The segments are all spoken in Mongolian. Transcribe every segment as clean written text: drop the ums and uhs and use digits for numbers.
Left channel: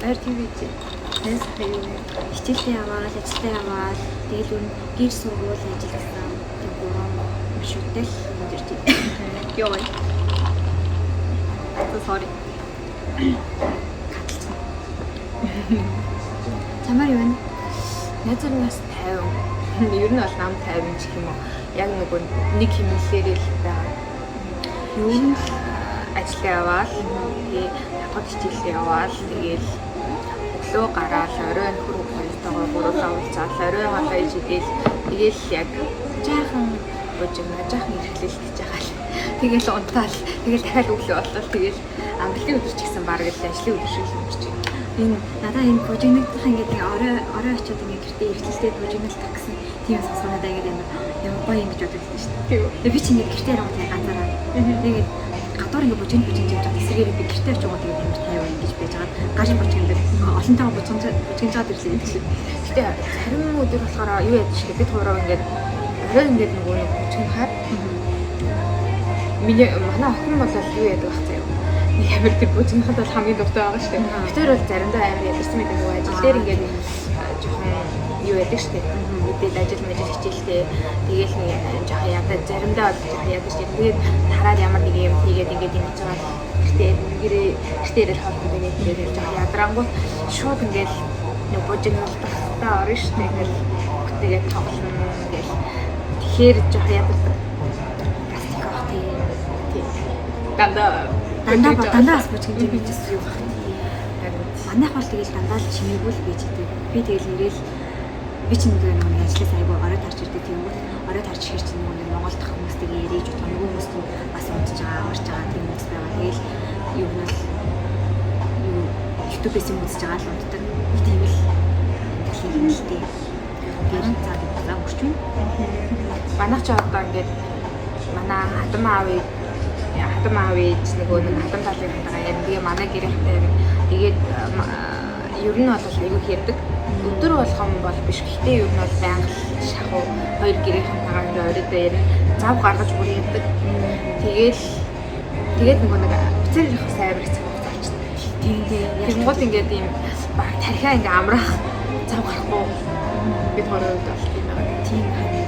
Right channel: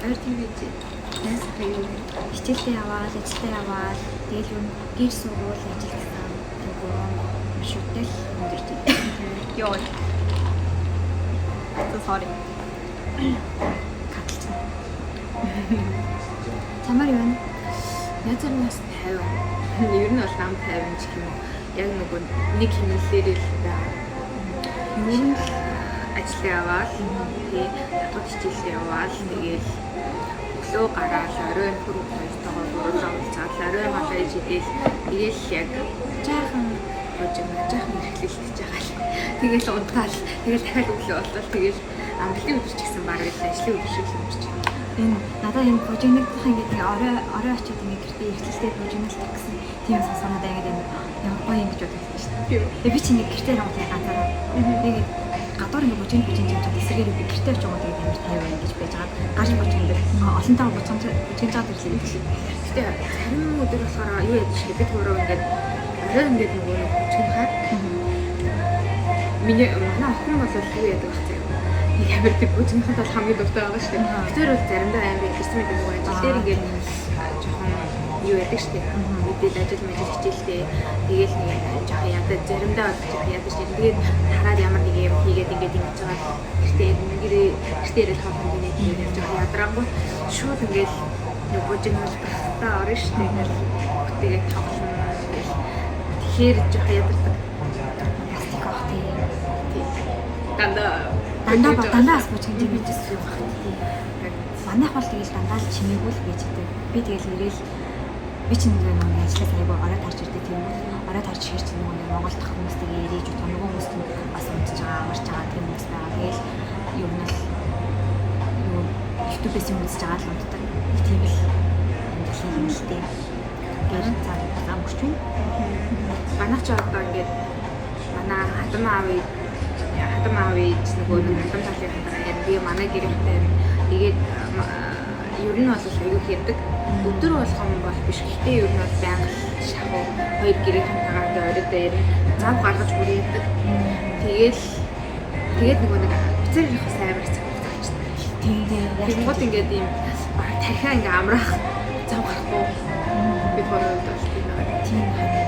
Баяр тийгээ. Эс хаяа. Хичээлээ яваад, ажилдаа яваад, тэгэл юу гэр сургууль ажил гэсэн. Тэг гурван маршруттай өндөртэй. Йоо. Sorry. Чамаар юу вэ? Найзуураас 50. Ер нь бол нам 50 ч юм уу. Яг нөгөө нэг хэмнэлээр л байгаа. Юу нь ажил яваад тэгээд хатгад хичээлээ яваад тэгээд өглөө гараад оройн хөрөг хүмүүстэйгээ гурлаа уулзаад оройн гадаа ижилдэл тэгээд яг жаахан жаахан ихлэлж байгаа л. Тэгээд унтаал тэгээд дахиад өглөө болтол тэгээд амралтын өдөр ч гэсэн баг л ажлын өдөр шиг л өмчиж байна. энэ надаа энэ бужигнагдах ингээд орой очиод ингээд гэртээ эргэлзээ бужигнал таксан тийм сонсгоноо ингээд ямар гоё юм гэж бодож байна шүү дээ. Тэгээ би ч ингээд гэртээ юм тийм ганцаараа. Тэгээд гадуур ингээд бужигнал жаад эсрэгээр би гэртээ ч юм уу тэгээд амар тайван ингэж байж байгаа. Гаш бужигнал олонтойгоо бужигнал жаад ирлээ гэсэн. Гэтэ зарим өдөр болохоор юу яд шиг бид гурав ингээд орой ингээд нөгөө нэг бужигнал хаад манай охин бол юу яд байх заяа. Ямар тэр бүжигнэхэд бол хамгийн дуртай байгаа шүү дээ. Тэр бол заримдаа амар гэсэн мэт нөгөө ажил дээр ингээд жоохон юу яадаг шүү дээ. Мэдээд ажил мэж хичээлтэй. Тэгээл нэг жоохон ядаж заримдаа бол жоохон ядаж тийм. Тэгээд хараад ямар нэг юм хийгээд ингээд ингэж байгаа. Гэтээ нэгээрээ хатан тэгээд жоохон ядрангууд шууд ингээд нөгөө бүжигнэлтээ орно шүү дээ. Тэгээд тоглоно. Тэгэхээр жоохон яддаг. Пластик авах тийм. Дандаа бас бужигнал хийжсэн юу гэх юм. Манайх бол тэгэл дандаа л чимээгүй л гэж хэдэг. Би тэгэл ирээл би ч нэг ажлаас айгүй орой тарж ирдэг тийм үү. Орой тарж ирэх чинь нөгөө Монгол дах хүмүүстэйгээ ирээж удаа нөгөө хүмүүс нь бас унтж байгаа, амарч байгаа тийм хүмүүс байгаа. Тэгэл юу нас юу YouTube-ээс юм үзэж байгаа л унтдаг. Тийм л амжилт хэмэлтэй. Тэгээд цаад удаа өгч байна. Манайх ч одоо ингээд манай хатам аав ээж нөгөө нэг хатам талынхаа яг би манай гэрэнтэй тэгээд ер нь бол аюул ярьдаг. Өдөр болгоом бол биш. Гэхдээ ер нь бол байнга шахуу хоёр гэрэнтэйгээ ингээд оройдоо ярь зав гаргаж бүр ярьдаг. Тэгээд нөгөө нэг зэрэг сайварч заачдаг. Тийм гол ингээд юм баг тархиа ингээд амраах зав гарахгүй бид гурав бол тийм байна.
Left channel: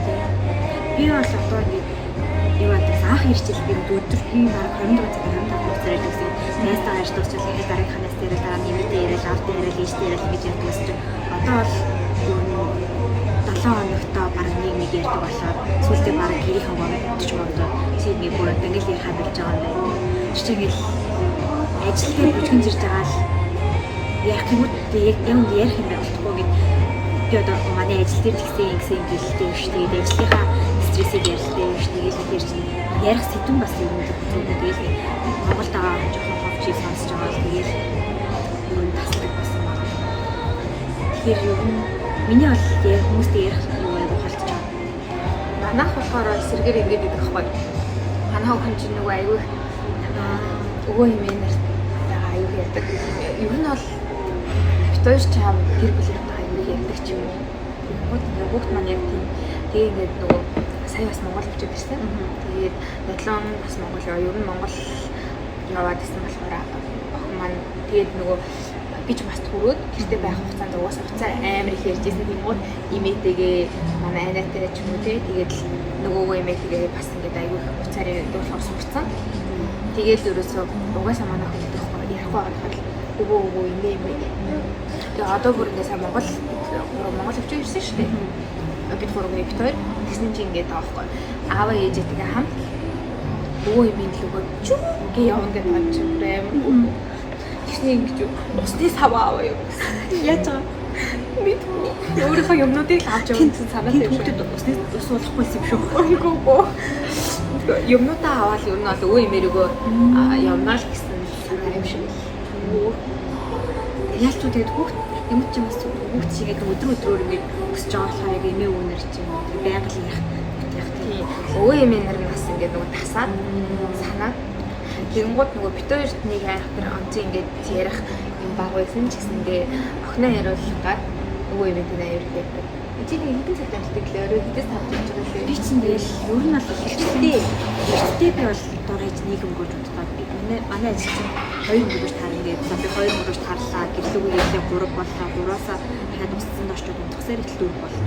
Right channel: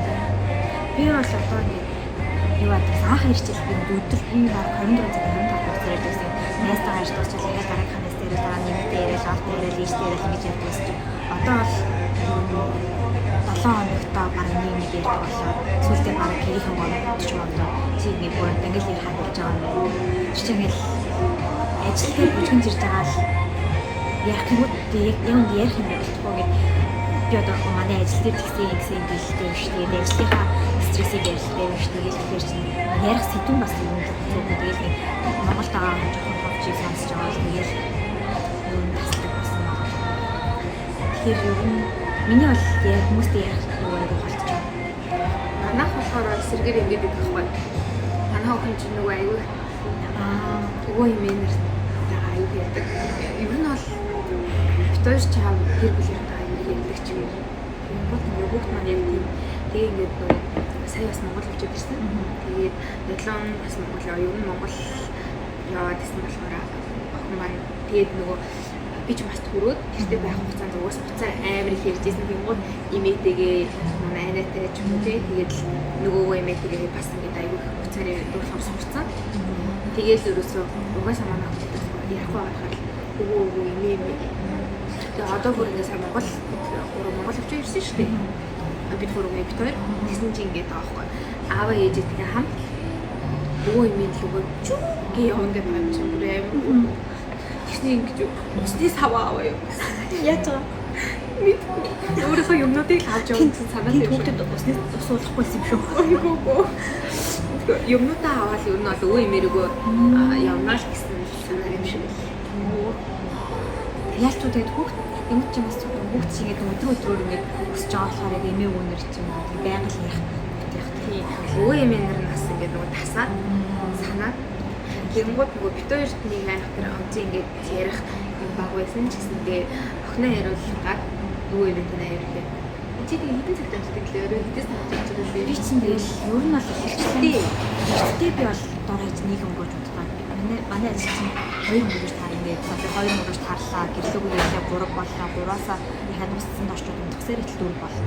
Би бол одоо юу гэдэг анх ирчил би өдөр би баг 24 цаг 25 цаг байсан. Ястаа ажил дуусаад дараагийнханаас дээр дараа нэмэлт яриад албан яриад ийштэй яриад ингэж явдаг байсан. Одоо бол 7 хоногтоо баг нэг ярьдаг болоод сүүлдээ баг гэрийн хаваа ч юм уу тийм нэг бүр англи хадгалж байгаа юм. Жишээл ажилтны бүжгэн зирж байгаа л яг юм юм ярих юм болохгүй гэд би одоо манай ажилтны гэсэн гэлтэй шүү дээ. Ажлынхаа стрессийг ярьдаг шүү дээ. Тэгэхээр чинь ярих сэдвэн бас юм л зүггүй гээл Монголд байгаа жоохон ховчийг сонсож байгаа л тэгээд юм тасдаг болсон байгаа. Тэгэхээр юу миний бол ярих хүмүүстэй ярих юу айгу халтж байгаа. Манайх болохоор сэргээр ингээд идэх байхгүй. Манай охин чинь нөгөө айгу өвөө юм ийм аюул ярьдаг. Ер нь бол битүүш чам гэр бүлийнхээ аюул ярьдаг ч юм уу. Тэгэнгүүт нөгөөт маань яг тийм тэгээд ингээд нөгөө сая бас Монгол хөвчөд ирсэн. Тэгээд 7 бас Монгол ер нь Монгол яваад исэн болохоор охин маань тэгээд нөгөө би ч бас төрөөд гэртээ байх хугацаанд угаасаа хуцаа амар их ярьж ирсэн. Тэгэнгүүт имээтэйгээ манай айнатай ч юм уу тэгээд нөгөөгөө имээтэйгээ бас ингээд аюул хуцаараа дуулах сурцсан. Тэгээл ерөөсөө угаасаа манай охин ярихгүй байгаад өвөө инээ. Тэгээ одоо бүр ингээд сайн Монгол хөвчөд ирсэн шүү дээ. Бид гурав нэвтээд тэгсэн чинь ингээд аахгүй. Ааваа ээжтэйгээ хамт өвөө имийн лүгөө чүг явна гэж бодож байна. Тэгсний ингэж усны саваа аваа юу. Яаж байгаа? Мэдгүй. Өөрийнхөө юмнуудыг авч явсан санаа тавьж байна. Усны ус болохгүйсэн юм шүү. Үгүй. Юмнуудаа аваад ер нь бол өвөө имээрөөгөө явнаа л гэсэн санаа юм шиг. Яаж ч тэгээд хүүхд юм ч юм бас хүүхд шиг ингээд өдрөөр ингээд өсөж байгаа болохоор яг эмээ өвнөр чинь байнга л ярих тийм. Өвөө эмээнэр нь бас ингээд нөгөө тасаад санаад тэгэнгүүт нөгөө битүүрт нэг айх тэр онц ингээд ярих юм баг байсан ч гэсэндээ охиноо яриулгаад өвөө эмээний аюултай. Чи нэг хэдэн цагт амтдаг лээ өөрөө хэдээс тавьж байгаа шүү. Би чинь тэгэл ер нь бол ихтэй би бол дорож нийгэм гож боддог. Манай ажил чинь 2 өнгөрөж таар ингээд би 2 өнгөрөж таарлаа гэлүүгээ гэлээ 3 боллоо 3-аас дахиад усцсан дорчод унтгсаар их 4 боллоо.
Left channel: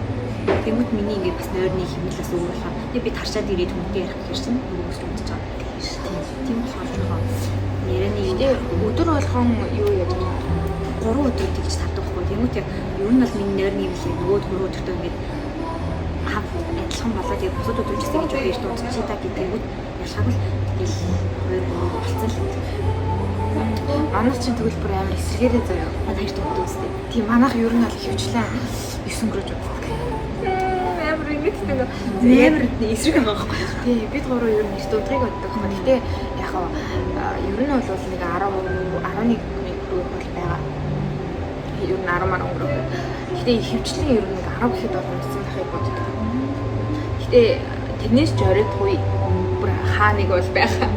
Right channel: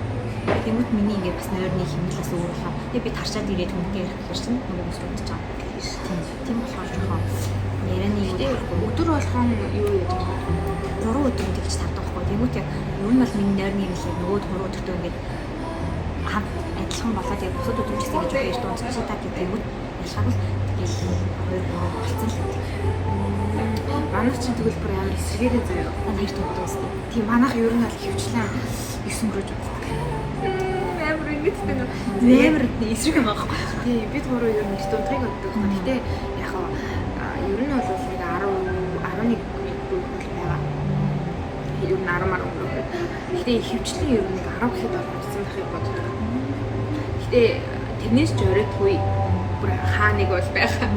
Тэмүүт миний ингээд бас нойрны хэмнэлээс өөр болохоор би таршаад ирээд хүнтэй ярих гэж чинь нөгөө өсрөө үзэж байгаа. Тийм болохоор жоохон ярианы юу өдөр болгон юу яадаг вэ? 3 өдөр ингэж тардаг байхгүй. Тэмүүт яг ер нь бол миний нойрны хэмнэлээ нөгөө 3 өдөртөө ингээд хамт адилхан болоод яг бусад өдрүүчсэн гэж их дуусчих та гэдэг ялгаагүй тэгэл 2-3 болцсон л. Манайх чинь тэгвэл бүр амар эсэргээрээ заяа. Манай хоёр төвд үстэй. Тийм манайх ер нь бол хөвчлээ 9 өнгөрөж үздэг. Амар ингэдэг. Амар эсрэг байгаа байхгүй. Тийм бид гурав ер нь дунтайг боддог байна. Гэтэ яг ер нь бол нэг 10 11 рүү бол байгаа. Ер нь 10 мар өнгөрөх. Гэтэ хөвчлэн ер нь 10 гэхэд бол үлдсэн байхыг боддог. Гэтэ тэрнээс ч оройтгүй бүр хаа нэг бол байгаа.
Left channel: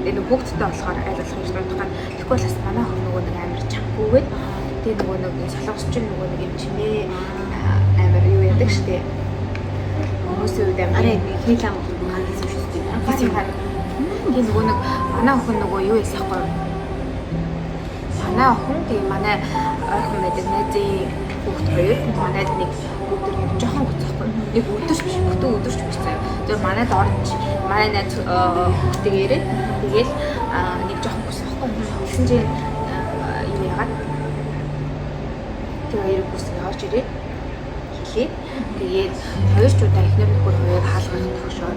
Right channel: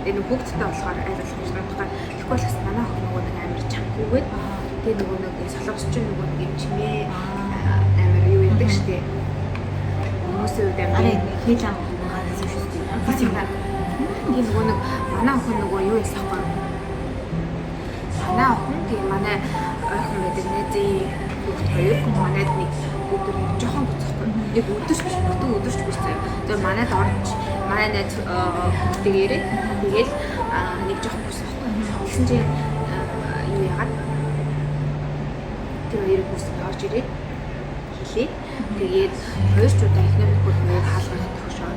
Энэ хүүхдтэй болохоор айлгах юм шиг боддог. Тэгэхгүй бас манай хөх нөгөө нэг амар чамгүйгээд тэгээ нөгөө нэг солонгосч нөгөө нэг юм чинээ амар юу яадаг штэ. Хүмүүсүүд амар хийлэн хандсан шүү дээ. Тэгээ нөгөө нэг манай охин нөгөө юу ясахгүй. Манай охин тэгээ манай ойрхон мэдээ найзын хүүхд хоёр манайд нэг өдөр жоохон гоцхгүй. Нэг өдөрч байсан. Тэгээ манайд орж манай найз хүүхдээ ирээд тэгээл нэг жоохон гоцхгүй. Тэгсэн чинь юу яагаад тэр хоёр бүсээ орж ирээд хэлээ. Тэгээд хоёр ч удаа эхнэр нөхөр хоёр хаалгах төгшөө.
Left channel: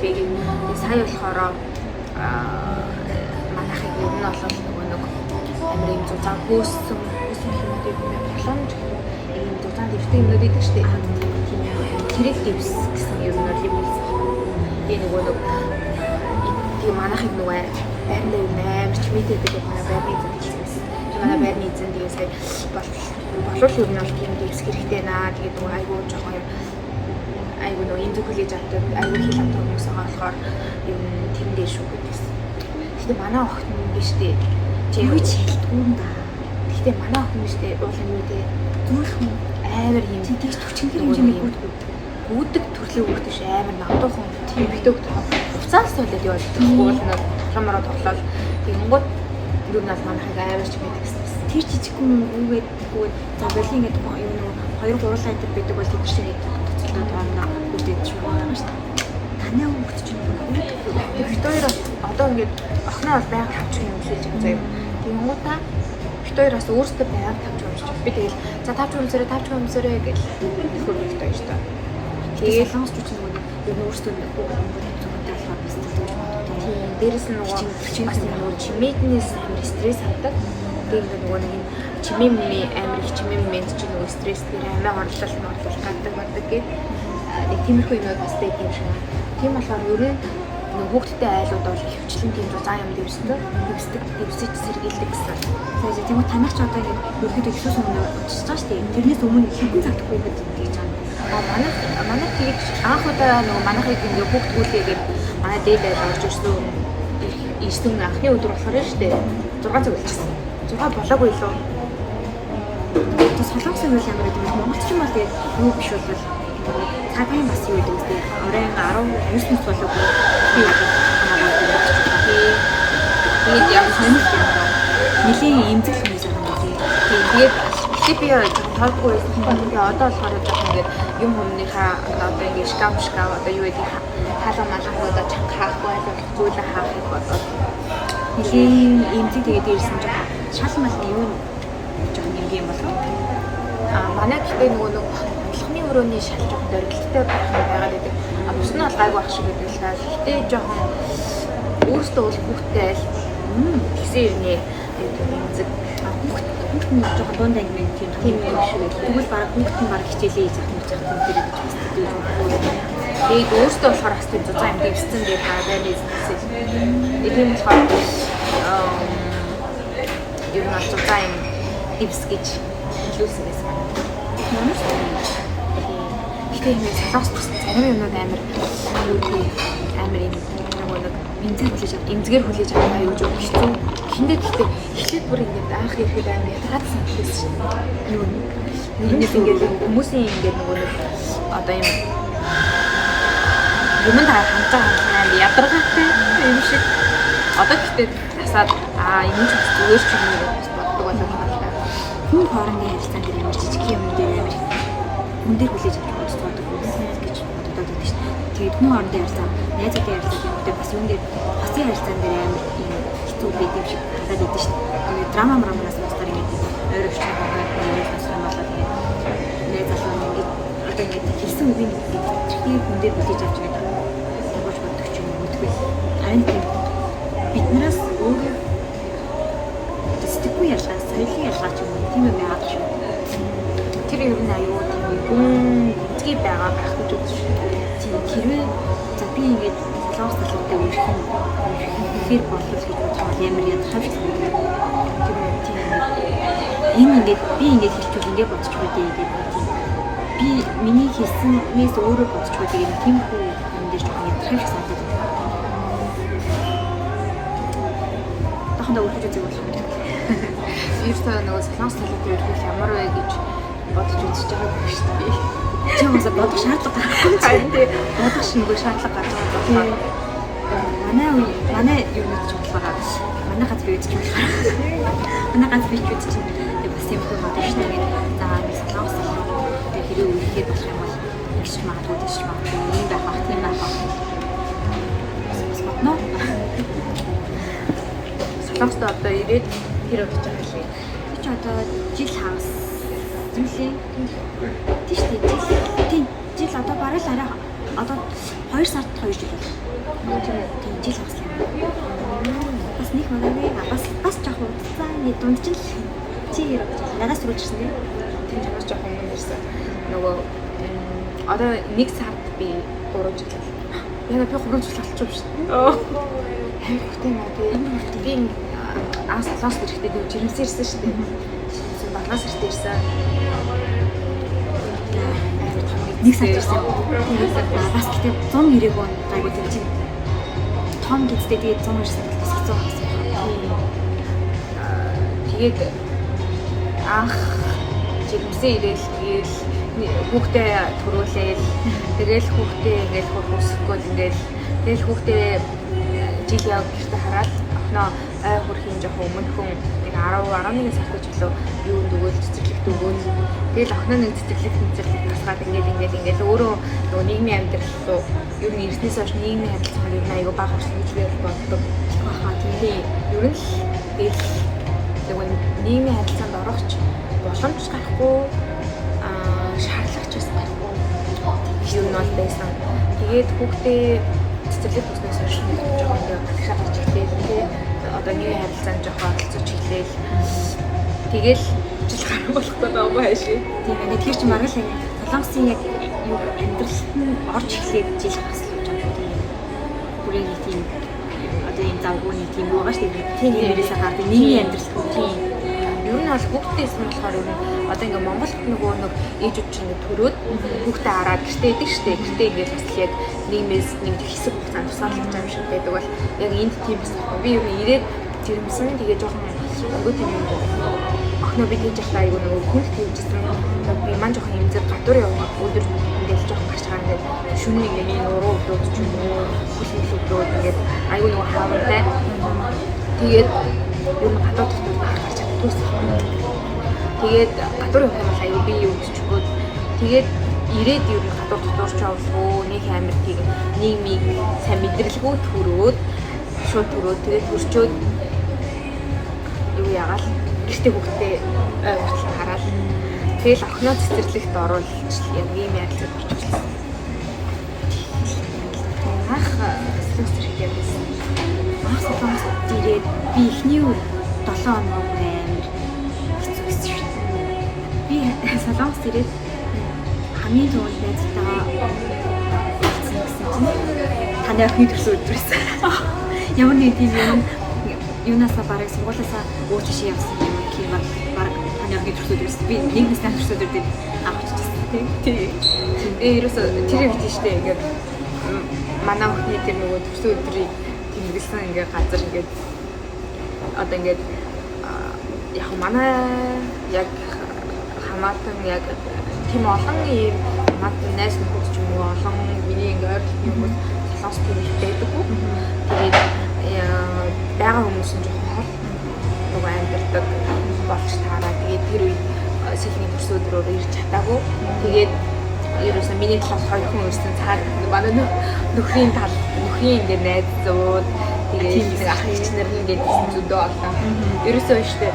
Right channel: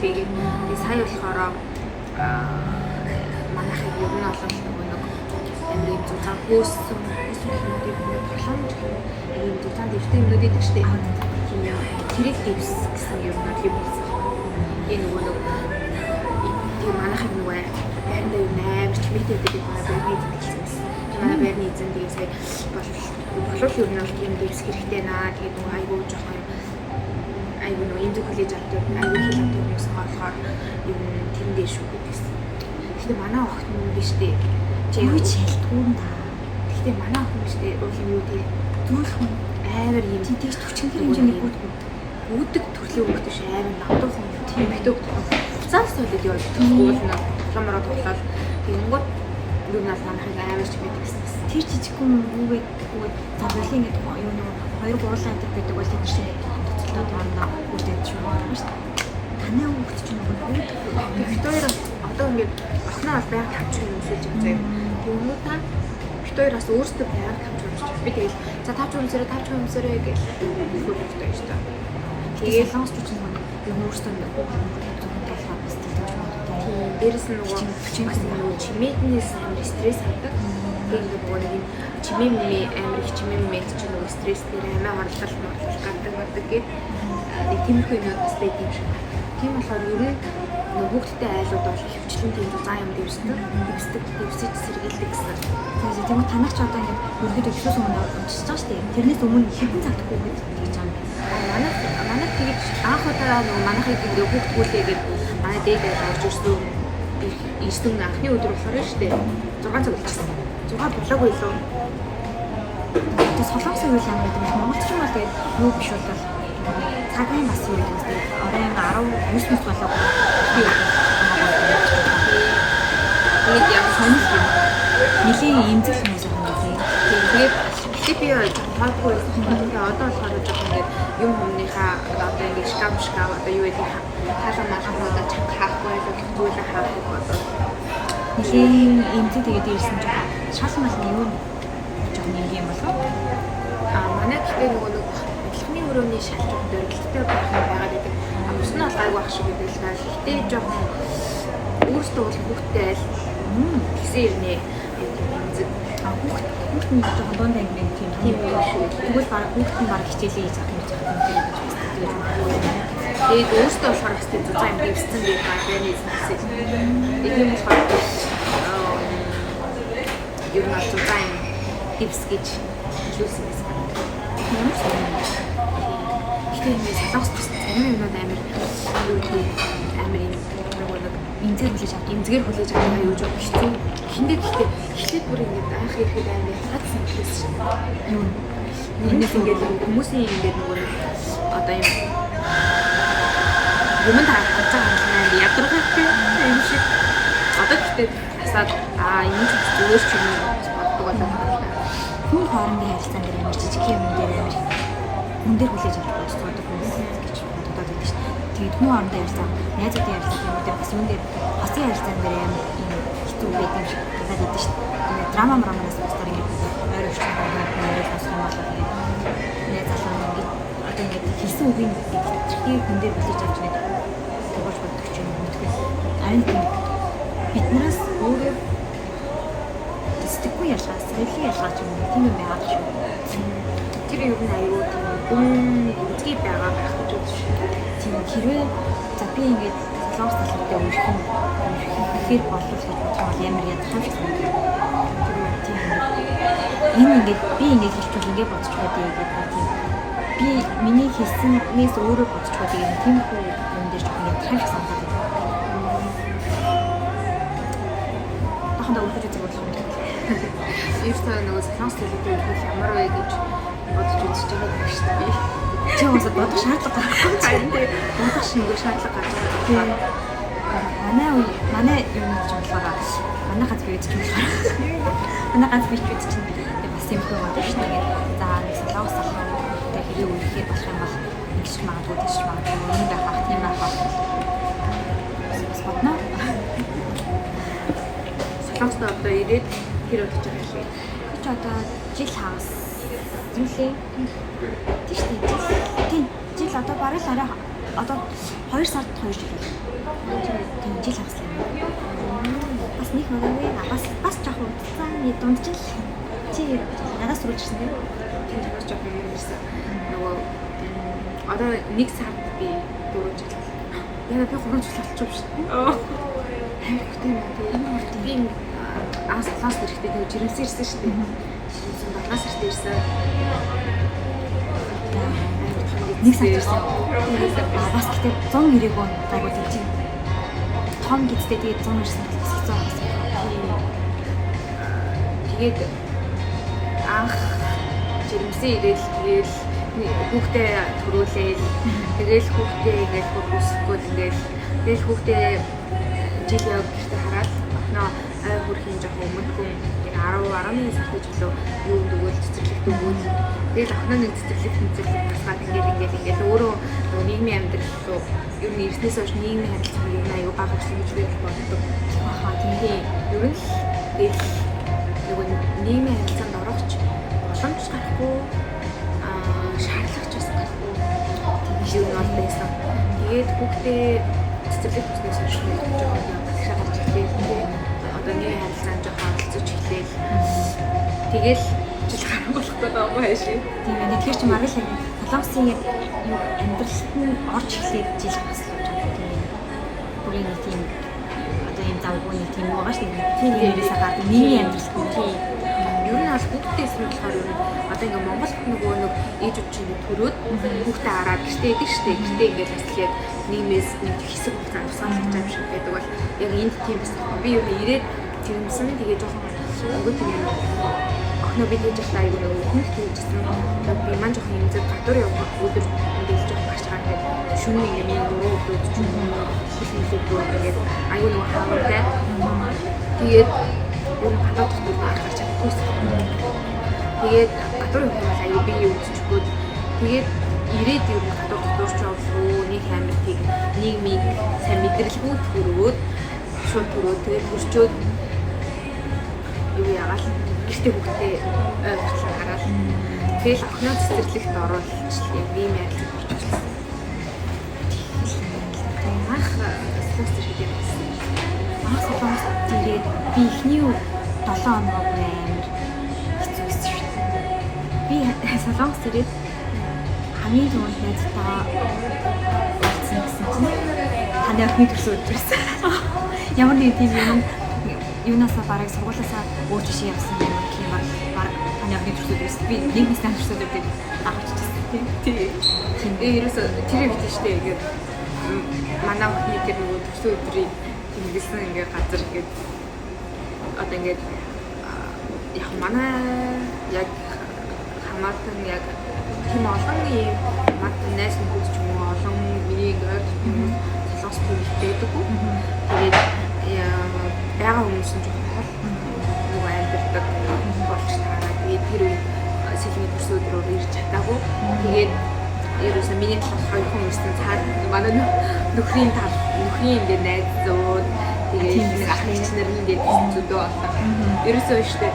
Тэгээд нүүлээгээд сая болохоор манайхыг ер нь олон нөгөө нэг амрын зузаан хөөсөн боломж ийм зузаан дэвтэг юмнууд идэв штэ. Тэрийг дэвс гэсэн юм нь юм. Тэгээ нөгөө нэг тийм манайхыг нөгөө байрны наймч мэдээ гэдэг манай байрны эзэн. Манай байрны эзэн дээрээ болов ер нь бол тийм дэвс хэрэгтэй наа. Тэгээ нөгөө айгуу жоохон айгуу нөгөө энэ коллеж автод айгуу хэл автод хүмүүс байгаа болохоор ер нь тийм дээр шүү гэдэгсэн. Гэтэ манай охин юм биш дээ. Юу ч хэлдэггүй юм да. Гэтэ манай охин биш дээ. Уул юм юу дээ. Зүрх юм амар юм. Тэтгэж 40 хэмжээний гүйдэг. Гүйдэг төрлийн хүүхд биш амар намдуухан тэмдэг. Уцаас солиод яваад уул нь хамаараа тоглоод тэгэнгүүт юу нас манайхыг амар ч гэдэгсэн. Тэр жижигхэн гүүгээд за боли ингээд юу нэг 2-3 сайтад байдаг бол тэр шиг төцөлөө тооноо үдээд шуурмаа байгаа шүү дээ. Танай хүүхд чинь нөгөө Виктория одоо ингээд охиноо бол байнга тавч юм өмсөж байгаа заяа. Тэгэнгүүт та Виктория бас өөрсдөө байнга тавч өмсөж. Би тэгэл за тавч өмсөрөө гэж хэлэхгүй хэрэгтэй шүү дээ. Тэгээд солонгосч чинь нөгөө юу өөрсдөө хүүхд ингээд зөвхөн талаар бас тэгж магадгүй. Тийм дээрэс нь нөгөө бас нөгөө чимээднээс стресс авдаг. Тэгээд нөгөө нэг чимээ амар их чимээ мэд чинь нөгөө стресс дээр амиа орлол маглал гадаг байдаг гэдэг. Тиймэрхүү юмуд бас байдаг юм шиг. Тийм болохоор ер нь хүүхдтэй айлууд бол хөвчлэн тийм зан юм дэвсдэг дэвсэж сэргийлдэг гэсэн. Тэгээд тийм танах ч одоо ингээд өргөд ихсээс өмнө уншиж байгаа шүү дээ. Тэрнээс өмнө хэдэн цаг хүүхэд гэж байгаа. Манай тэгж анх удаа нөгөө манайхыг ингээ хүүхдгүүлээгээд манай дээд орж ирсэн анхны өдөр болохоор шүү дээ 6 цаг болчихсон. 6 болоогүй илүү. Тэгээд солонгосын үйл ямар гэдэг нь Монголч юм бол тэгээд юу биш бол цагийн бас юу гэдэг нь оройн 19 минут болоогүй хамаагүй гэдэг юм. Тэгээд яг сонирхол юм байна. Нилийн эмзэг хүмүүс байгаа юм тийм. Тэгээд би жоохон тоолгүй байсан. Тэгээд одоо болохоор жоохон ингээ юм өмнөхөө одоо ингээ шкаф одоо юу гэдэг хаалга малгуудаа чанга хаахгүй байлгүй хаахыг бодоод нилийн эмзэг тэгээд ирсэн жоохон шал мал юу жоохон нэг юм болов. Манай гэхдээ нөгөө одлогын өрөөний шалтгаан барилттай байгаад байдаг. Бус нь бол гайгүй ах шиг байдаг л та. Гэтэ жоохон өөртөө хүүхдтэй гэсэн ирнэ эмзэг хүүхд нь жоохон дунд англи тийм юм шиг байдаг. Тэгвэл баг хүүхд нь баг хичээлээ хийж авах юм дээр гэж байна. Тэгээд өөртөө болохоор бас тийм зузаан юм дэвссэн гэдэг байрны эзэнээс. Тэгээд болохоор ер нь зузаан юм дэвс гэж хэлүүлсэн гэсэн. Ямар ч тийм солонгос зарим юмнууд амар юу гэх амар юм нөгөө нэг эмзгээр хүлээж авах аюул жоо хэцүү. Хиндэ гэхдээ эхлээд бүр ингээд анх ирэхэд амар ятгаад санагдсан. Юу нэгээс ингээд хүмүүсийн ингээд нөгөө нэг одоо юм таа хамтаа ядаргаатай юм шиг. Одоо гэхдээ бас харсаад энэ ч зүгээр ч юм уу боддог болоод байна. Хүн хоорондын харилцаан дээр ямар жижиг юм дээр амар хүн дээр хүлээж авах гэж боддог хүмүүс гэж бодоод байдаг шүү дээ. Тэгээд хүн хоорондын харилцаа, найзуудын харилцаа юм дээр бас юун дээр хосын харилцаан дээр амар хэцүү байдаг юм шиг харагдаад байдаг шүү дээ. Тэгээд драманаас бусдаар ингэ ойр орчин хогоор нэрээ тасган болоод ингэ найз залуу ингэ одоо ингэ хэлсэн үгийн тэрхий хүн дээр хүлээж авч нэг сургууль боддог ч юм уу мэдгүй. Айн биднээс өөрөөр сэтгэхгүй ялгаа, соёлын ялгаа ч юм уу тийм юм яагаад ч юм. Тэр ер нь аюу тийм гүн үзгий байгаа гэх гэж үзэж байна. Тийм хэрвээ за би ингээд солонгос талуудтай үерх юм ихэр болов гэж бодоход ямар ядархан ч санагдав. Тэр тийм энэ ингээд би ингээд хэлчихвэл ингээд бодчих байдгийг гэдэг тийм. Би миний хэлснээс өөрөө бодчих байдгийг тийм хүү юм дээр ч ядархан ч санагдав. Баханда үргэлж үзэх болох юм. Иймээ нөгөө солонгос талуудтай үерх ямар вэ гэж бодож үзэж байгаа юм шүү дээ. Чи уусаа бодох шаардлага гарахгүй Харин тийм бодох шингээ шаардлага гарч байгаа болохоор манай юм гэж болохоор манай газар үйдэж болохоор манай газар үйдэж чинь бас юм хөө мод шүү дээ. За нэг солонгос салхаатай хэрэг үехээр болох юм бол ингэж магадгүй тийш магадгүй юм байх ах тийм байх ах. Бас бодно. солонгост одоо ирээд тэр удаж байгаа шээ. Тэр чи одоо жил хагас зүйлээ. Тийш тийм жил одоо бараг л арай одоо 2 сард 2 жил байна. Тийм жил хагас юм. Бас нэг удаагүй бас жоох удаа дунд чинь чи хэрэг надаас руу ирсэн тийм. Тэр танаас жоох юм ирсэн. Нөгөө одоо 1 сард би 3 жил. Яна би 3 жил болчих биш. Амар хүртэй би солонгос ирэхдээ нөгөө жирэмсэн ирсэн шүү дээ. Батнаас ирсэн ирсэн. Нэг сар ирсэн юм. Бас гэдэг 190 он гайгүй тийм. Том гэдэгтэй тэгээд 100 ирсэн бол бас хэцүү хагас юм байна. Тэгээд анх жирэмсэн ирээл тэгээд хүүхдээ төрүүлээл тэгээд хүүхдээ ингээд хурцсахгүй ингээд хүүхдээ жил яв гэртээ хараад охноо ай хурх юм жоох өмнөхөн 10-11 сар төчлөө юунд өгөөд цэцэрлэгт өгөөд тэгээд охины цэцэрлэг тэмцэлэг тасгаад ингээд өөрөө нөгөө нийгмийн амьдрал руу ер нь ирснээс хойш нийгмийн харилцаа ер нь аюу бага болсон гэж би боддог. Тийм ер нь л нөгөө нийгмийн харилцаанд орохч боломж гарахгүй шаардлагач бас гарахгүй тийм юм бол байсан. Тэгээд хүүхдээ цэцэрлэг төснөөс хойш жоохон галхаа гарч ирлээ. Одоо нийгмийн харилцаанд жоохон оролцож хэлээл. Тэгэл жил гарах болохгүй байгаа хайшээ. Тийм ээ тэр чинь маргал юм. Солонгосын яг юу амьдралд нь орж эхлэх жил хагас болж байгаа тийм. Бүрийн нэг тийм одоо энэ завгууны тийм юу байгаа шүү дээ. Тийм нэрээсээ гардаг нийгмийн амьдрал тийм. Ер нь бол хүүхдтэй эсвэл болохоор ер нь одоо ингээ Монголд нөгөө нэг ээжүүд чинь ингээ төрөөд хүүхдээ хараад гэртээ идэг штеп. Гэртээ ингээ бас яг нийгмээс нэг хэсэг хугацаанд тусаалж байгаа юм шиг байдаг бол яг энд тийм байна. Би ер нь ирээд жирэмсэн тэгээ жоохон өнгөт юм охноо би тэгж явах айгүй нөгөө хүн хийжсэн. Би маань жоохон юм зэрэг гадуур явах өдөр ингээл жоохон гарч байгаа ингээ шүний ингээ миний уруу өдрөөд ч юм уу хүлийн өдрөөд ингээ айгүй нөгөө хаавартай. Тэгээд ер нь гадуур дотор гарч тэгээд гадуур явах юм аюу би юу өччихгүй. Тэгээд ирээд ер нь гадуур дотор ч авлаа нэг амар тийм нийгмийг сайн мэдрэлгүй төрөөд шууд төрөөд тэгээд төрчөөд юу яагаад гэртээ хүүхдээ хүртэл хараад тэгэл охиноо цэцэрлэгт оруулж яг ийм ярилцлага болчихсон. Ах солонгос ирэхэд байсан. Ах солонгос ирээд би эхний 7 хоног амар хэцүү байсан шүү. Би солонгос ирээд хамгийн түрүүнд найзтайгаа уулзсан гэсэн чинь таны охины төрсөн өдөр байсан. Ямар нэг тийм юм юунасаа бараг сургуулиасаа ууч шиг явсан юм тийм баг таны охины төрсөн өдөр байсан. Би нэг нэстэн төрсөн өдөр авчихсан тийм. Тэгээ ерөөсөө тэр гэж штэ ингээд манай охины тэр нөгөө төрсөн өдрийг тэмдэглэсэн ингээд газар ингээд одоо ингээд яг манай яг хамаатан яг тийм олон юм хамаатан найз нөхөд ч юм уу олон миний ингээд хүмүүс солонгос тийм байдаггүй. Тэгээд байгаа хүмүүс нь жоохон хол нөгөө амьддаг болж таараа. Тэгээд тэр үед сэлний төрсөдрөөр ирж чадаагүй. Тэгээд ерөөсөө миний талаас хоёр хүн ирсэн цаад манай нөхрийн ингээд найз зүүд тэгээд нэг ах эгч нар ингээд зүдөө олоо. Ерөөсөө штэ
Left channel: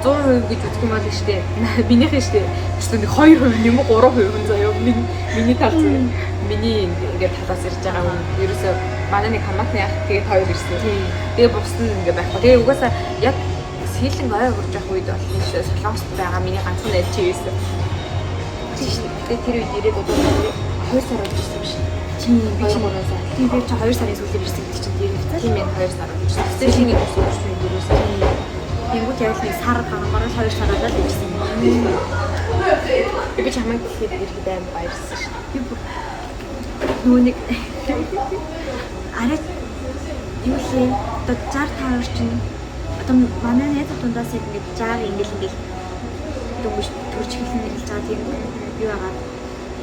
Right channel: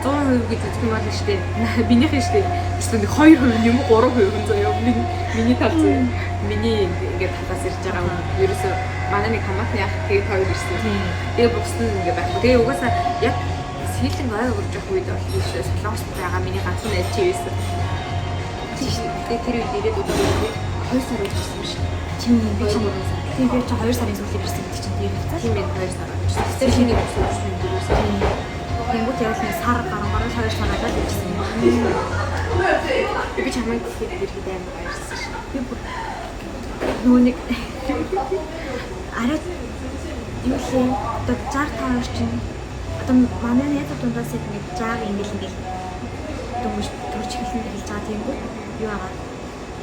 100% гэж үзэх юм бол штэ минийх штэ эсвэл 2% юм уу 3% заяа миний талаас миний ингээд талаас ирж байгаа юм. Ерөөсөө манай нэг хамаатны ах тэгээд хоёр ирсэн. Тэгээд бусд нь ингээд байхгүй. Тэгээд угаасаа яг сэлэн ой урж явах үед бол тийшээ солонгост байгаа миний ганцхан найз чи байсан. Тэгээд тэр үед ирээд удаагүй 2 сар болсон юм шиг. Тийм би ч 3 сар. Тийм би ч 2 сарын сүүлээр ирсэн гэдэг чинь дээр хэвчээ. Тийм ээ 2 сар болсон. Тэр шиний гэсэн юм дөрөөсөө. Тэнгүүд яг нэг сар гарангаараа 2 сараад ирсэн. Би чамайг ихэд аим баярсан ш. Би бүр нөгөө нэг арай юм одоо цар таар чинь одоо манай найз дундаас ингэж заа ингээл дөнгөж төрч хэлэн хэлж байгаа тийм үү юу агаад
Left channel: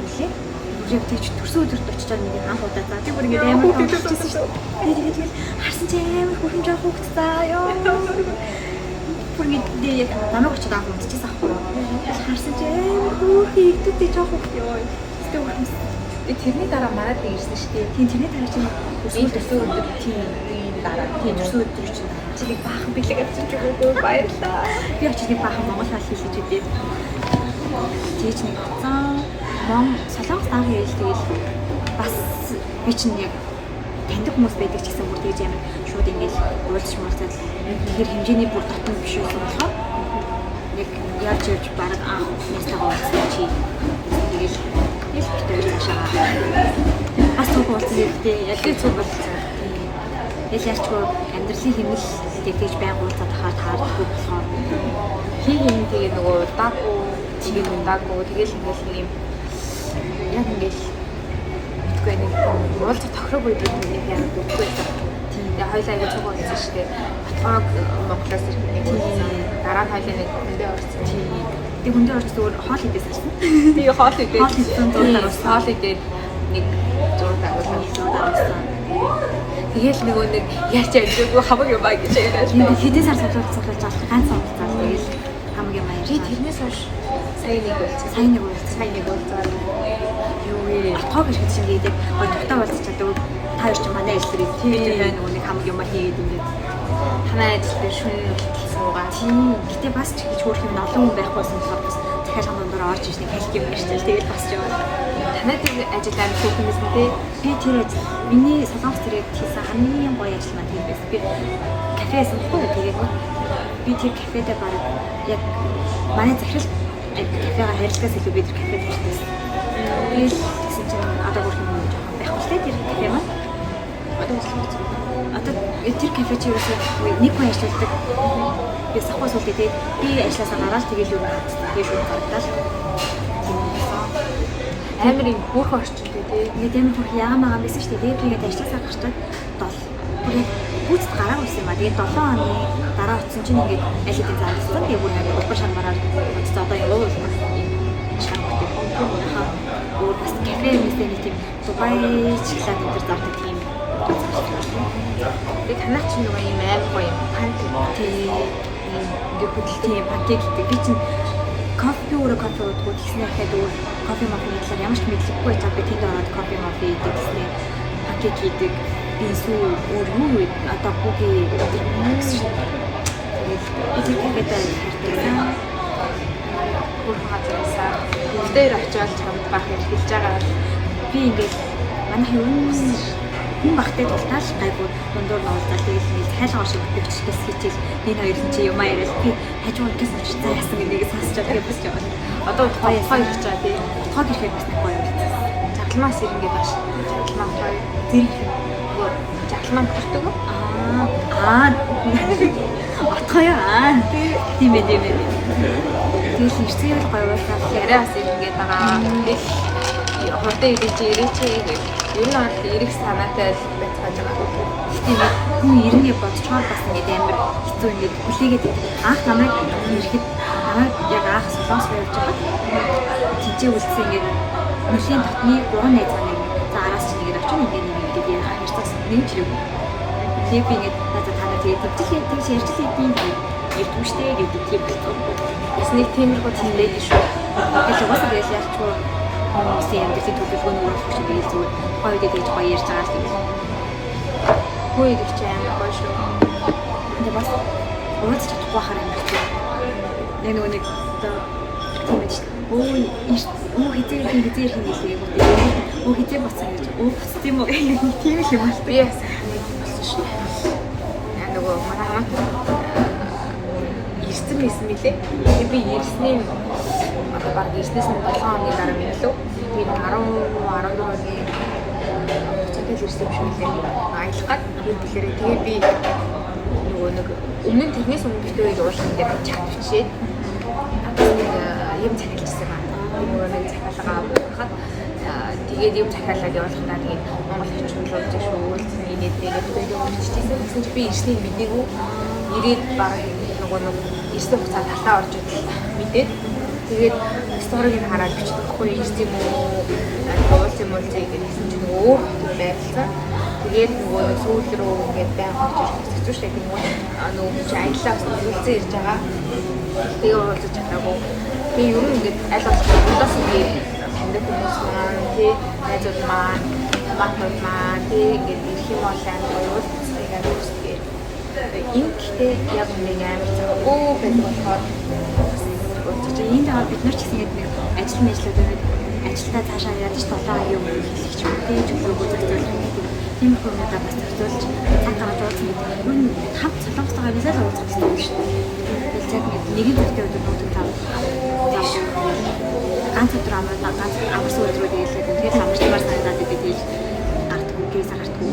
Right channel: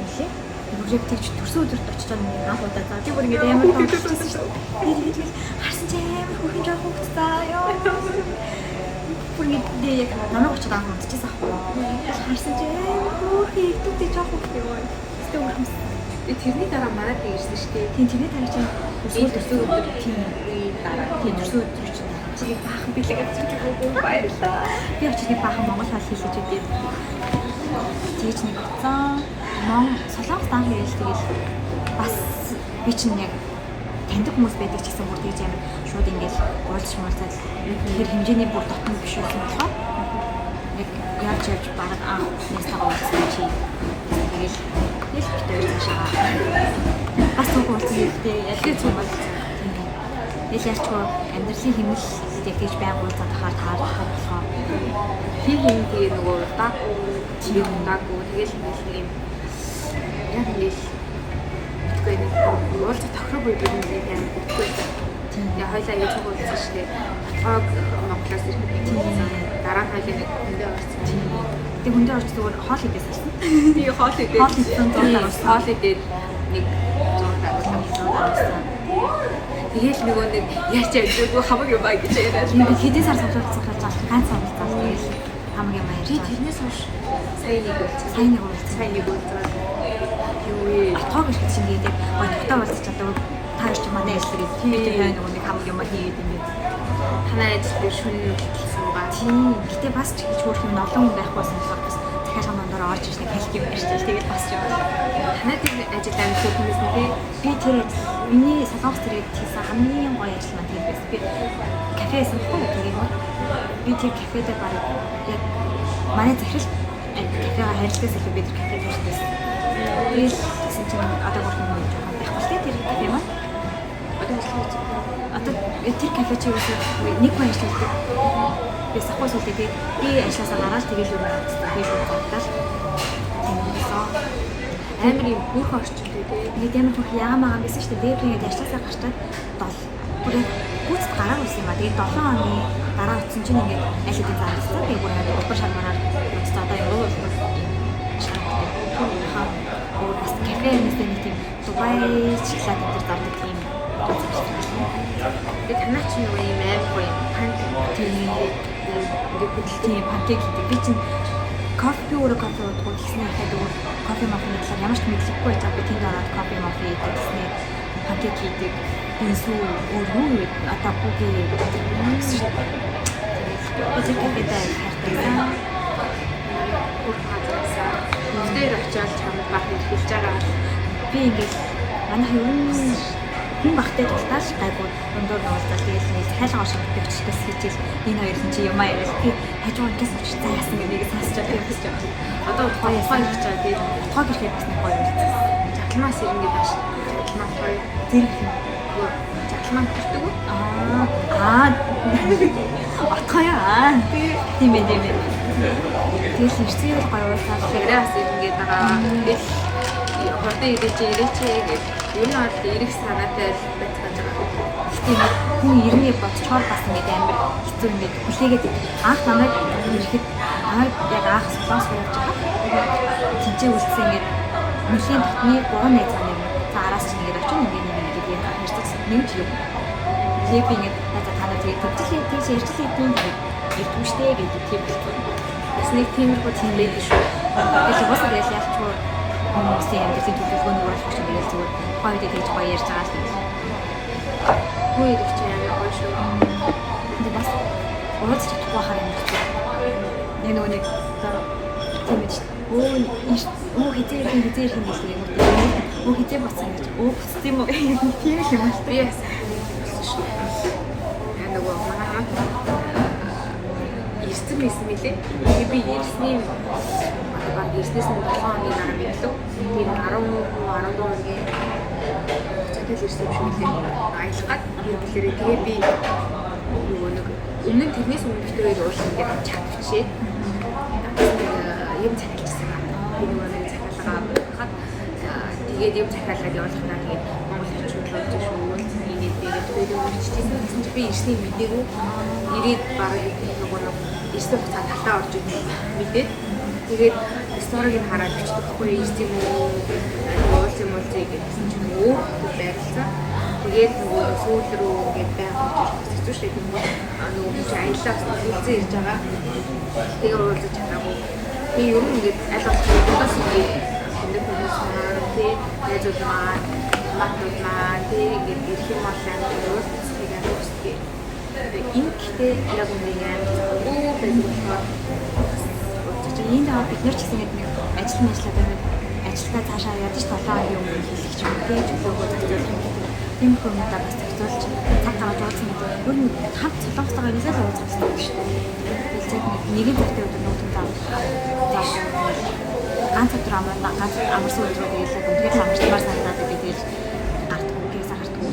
инлээ бүгд төрсөн өдөрт очиж байгаа нэг хаан удаа заа тийм бүр ингэ амар тооцчихсан шүү. Тэгээд харсан чи амар хөрхөн жоо хөөгцөө ёо. Бүр ингэ яг намайг очиж байгаа хүн чийсэн ахгүй юу. Харсан чи амар хөөхий идэвхтэй жоо хөөх ёо. Тэгтээ бүр тэрний дараа мараад ирсэн шүү дээ. Тийм тэрний дараа чинь төрсөн өдөр тийм дараа тийм төрсөн өдөр чинь дараа. Тэгээд баахан бэлэг авчиж байгаа баярлаа. Би очиж баахан Монгол хэл хэлж өгдөө. Тэгж нэг утсан солонгос дан хэлж тэгэл бас би чинь яг таньдаг хүмүүс байдаг ч гэсэн бүр тэгж амар шууд ингээл уулзч муулзаад тэр хэмжээний бүр дотн биш байсан болохоор яг яаж явж бараг анх нэстагаа уулзсан чи тэгэл цаашаа бас үг уулзсан гэдэг яг зүг болсон. Яшаачгүй амьдралын хэмнэл тэгж байг уулзаад таадахгүй болохоор тэр юм тэгээ нөгөө даагүй тэгэл хүмүүс нэг юм яг ингэж үгүй нэг уулзах тохироогүй бид нэг амар үгүй байсан. Тэгээ хоёлаа ингэ цуг уулзсан шүү дээ. Батгаг Монголоос ирсэн. Дараа нь хоёлаа нэг хүндээ уулзсан. Тэгээ хүндээ уулзсан зүгээр хоол идээс ирсэн. Тэгээ хоол идсэн зурдаа хоол идээд нэг зурдаа уулзсан. Тэгэл нөгөө нэг яаж яжгүй хамаг юм аа гэж яриад. Хэдэн сар цуглаж байгаа ганц уулзсан. Тэгэл хамаг юм аа ярьж. Тэрнээс хойш сайн нэг уулзсан. Юу вэ? Атгаг гэж чинь гэдэг гоо тагтаа уулзчихлаа. Та хоёр ч манай ажлыг тэгээд хай нөгөө нэг хамаг юм аа хийгээд ингээд танай ажил шөнө хөтөл суугаа. Тийм. Гэтэ бас ч гэж хөөх юм олон хүн байхгүйсэн болохоор бас дахиад хамаандаар орж иж нэг хэлэх юм ярьчихсан. Тэгээд бас яваад. Танай ажил амар хөтөлмөс нь тий. Би тэр ажил миний солонгос тэрэг хийсэн хамгийн гоё ажил маань тийм байсан. Би кафеэс уухгүй тэгээд би тэр кафедээ бараг яг манай захирал кафега харилцагаас илүү бид кафед хийсэн. Би гэсэн чинь одоо бүр юм жоохон байхгүй л тэр кафе маань. Одоо тэр кафе чи нэг хүн ажилладаг. Би сахуус үлдээ би ажилласаа гараад тэгэл юу хацсан. Би шууд гаргадаа л амар юм бүх орчтой тий. Нэг юм хөх яамаа байсан шүү дээ. Тэгээд ажилласаа гарчдаг бүр гүйцэд гараагүй юм а. Тэгээд 7 оны дараа утсан чинь ингээд аль хэдийн зарласан. Тэгээд бүр надад улбар шармараар үзсэн одоо юу вэ? Шармартай хаа. Өөр бас кафе нэстэй нэг тийм Дубай шоколад өндөр зардаг юм. Тэгээд танах чинь нөгөө юм амар гоё панкейк тийм панкейк гэдэг. Би чинь кофе уудаг гэснээр хаад өөр кофе мафны талаар ямар ч мэдлэггүй байж би тэнд ороод кофе мафи идэх гэснээр панкейк хийдэг. Бинсүү өөр юу вэ? Одоо бүгийн тэгээд кафедээ хайртай. Хөрх газараасаа дээр очиад юм бах хэлж байгаа. Би ингээд манай хүн багтай талтааш гайгүй дундуур нуулзаад тэгээд нэг хайлгаа шиг би очихдээс хийчихэл энэ хоёрын чи юм аяарал би хажуунаас очиж цаа яасан гэдгийг сонсчод тэгээд босч байгаа. Одоо гоё ирж байгаа тий. Отгоо гэхэд бас нэг гоё юм. Жаглмаас ирнэ гэдэг ш. Жаглмаа гоё. Зэрэг жаглмаа төрдөг үү? Отгоо яа. Тийм ээ. Тэгээс мэрцгээл гоё уусаад яриас ингэж байгаа. Хурдан ирээч гэж ер нь бол эрэг санаатай байцгааж байгаа. Тийм хүн ирнэ бодчоор бас ингэ амар хэцүү ингэ хүлээгээд анх намайг ирэхэд яг анх солонгос явж байгаа. Тижээ үлдсэн ингэ нэлийн татны 3 найз маань за араас чинь ингэ очив ингэ ярьцсан нэг тэр Тэгээ би нэг надад танаа тэгээ тэгжлээ тэгж ярьжлээ тийм ярьдгүй штэ гэдэг тийм болсон. Бас нэг тиймэрхүү зүйл байдаг шүү. Тэгэхээр угаасаа яаж ялчгүй хүмүүсийн амьдралын төлөвлөгөөний уурах шиг бийл зүгээр хоёр дэд гэж гоё ярьж байгаа л тийм. Хөөе гэж амар гоё шүү. Тэгээ бас уулз чадахгүй хараа юм шиг. Яг нэг тийм ээ. Оо хизээ хин гэлээ өө хизээ бацсан гэж буцсан юм уу тийм юм байна. Би яасан болсон шүү. Нөгөө манай хамт ирсэн мэлээ. Би ирсний одоо баг ирснээс нь 7 хоногийн дараа мэдлээ. Би 14 оны цагт ирсэн юм шиг аялах гад хэлбэлээрээ тэгээ би нөгөө нэг өмнө нь тэрнээс өмнө тэгээд уушин ингээд чат бичээд юм захиалсан байна. Би нөгөө нэг захиалгаа авахад тэгээд юм захиалаад явуулахнаа тэгээд Монгол хэмжүүлж шүү. Тэгээд тэгээд үнэхээр би ирсний мэдээгүй ирээд бараг нөгөө нэг ирсэн хугацаа талаа орж ирсэн мэдээд тэгээд сториг нь хараад биччихгүй ирсэн юм уу? Тэгээд уулс юм уу гэдэг чинь өөр байрлаа. Тэгээд нөгөө сүүл рүү ингээд байгаад хэвчээ шүү дээ. Нөгөө чи аяллаас үлдсэн ирж байгаа. Тэгээд уулзаж чадаагүй. Тэгээд ер нь ингээд аль болох ингээд тэнд хүмүүс маань тий найзууд маань матууд маань тий ингээд ирэх юм бол амар уулзах гэж үсгээ. Тэгээд ингээдээ яг нэг амар цаггүй байдаг болохоор энэ даа бид нар ч гэсэн яг нэг ажилтаа цаашаа ядаж 7 хоногийн өмнө хэлчих юм тийм чөлөөгөө зохицуулах гэдэг. Тийм их юмудаа бас зохицуулж цаг гаргаж уулзах гэдэг. Ер нь хамт солонгостойгоо юмсаа л уулзах гэсэн юм шүү дээ. Тэгэхээр цаг нэгэн цагтаа өдөр нүүдэн зааж ганц өдөр амарсан өдрөө тэгээд үнхээр л амарчмаар санагдаад би тэгээд гартгүй гээс гартгүй.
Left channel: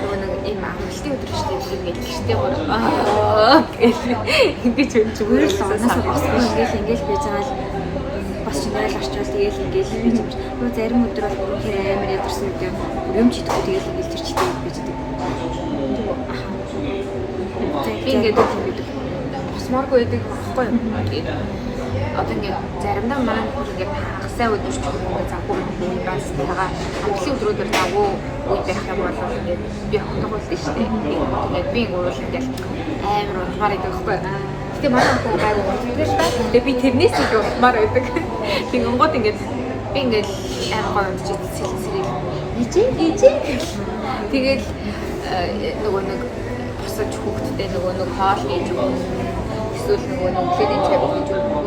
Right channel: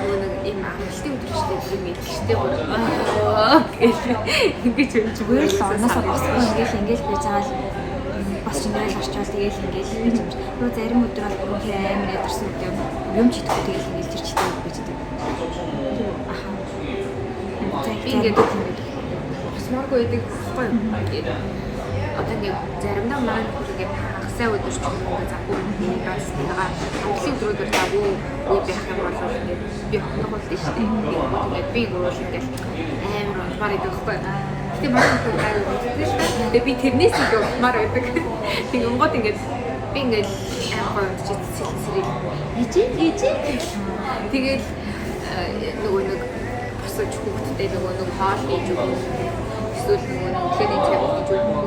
Нөгөө нэг ийм амжилтын өдөр шүү дээ. Бүгд мэдлэгтэй бүр ингэж зүгээр л орноосоо босгүй ингээл байж байгаа л бас ингээл орчвол тэгээл ингээл байж юм. Нөгөө зарим өдөр бол үнхээр амар ядарсан үедээ юм ч идэхгүй тэгээл ингээл тэр читэй байж байгаа. Аха. Тэгээд босморгүй гэдэг байхгүй юм. Одоо ингээд заримдаа манай нөхөр ингээд хагасаа өдөр ч юм уу ингээд завгүй юм бас байгаа амжилтын өдрүүд бол завгүй үе байх юм бол ингээд би хондог болдог шүү дээ. Тэгээд би уул ингээд амар унтмаар идэх байхгүй. Тэгээ манай нөхөр гайгүй унтдаг л та. Тэгээ би тэрнээс их унтмаар байдаг. Тэгээ онгод ингээд би ингээд амар гол унтчих сэлсэрийг ижээ. Тэгээд нөгөө нэг босож хүүхдтэй нөгөө нэг хоол хийж өгөх эсвэл нөгөө нэг өглөөний цай хийж өгөх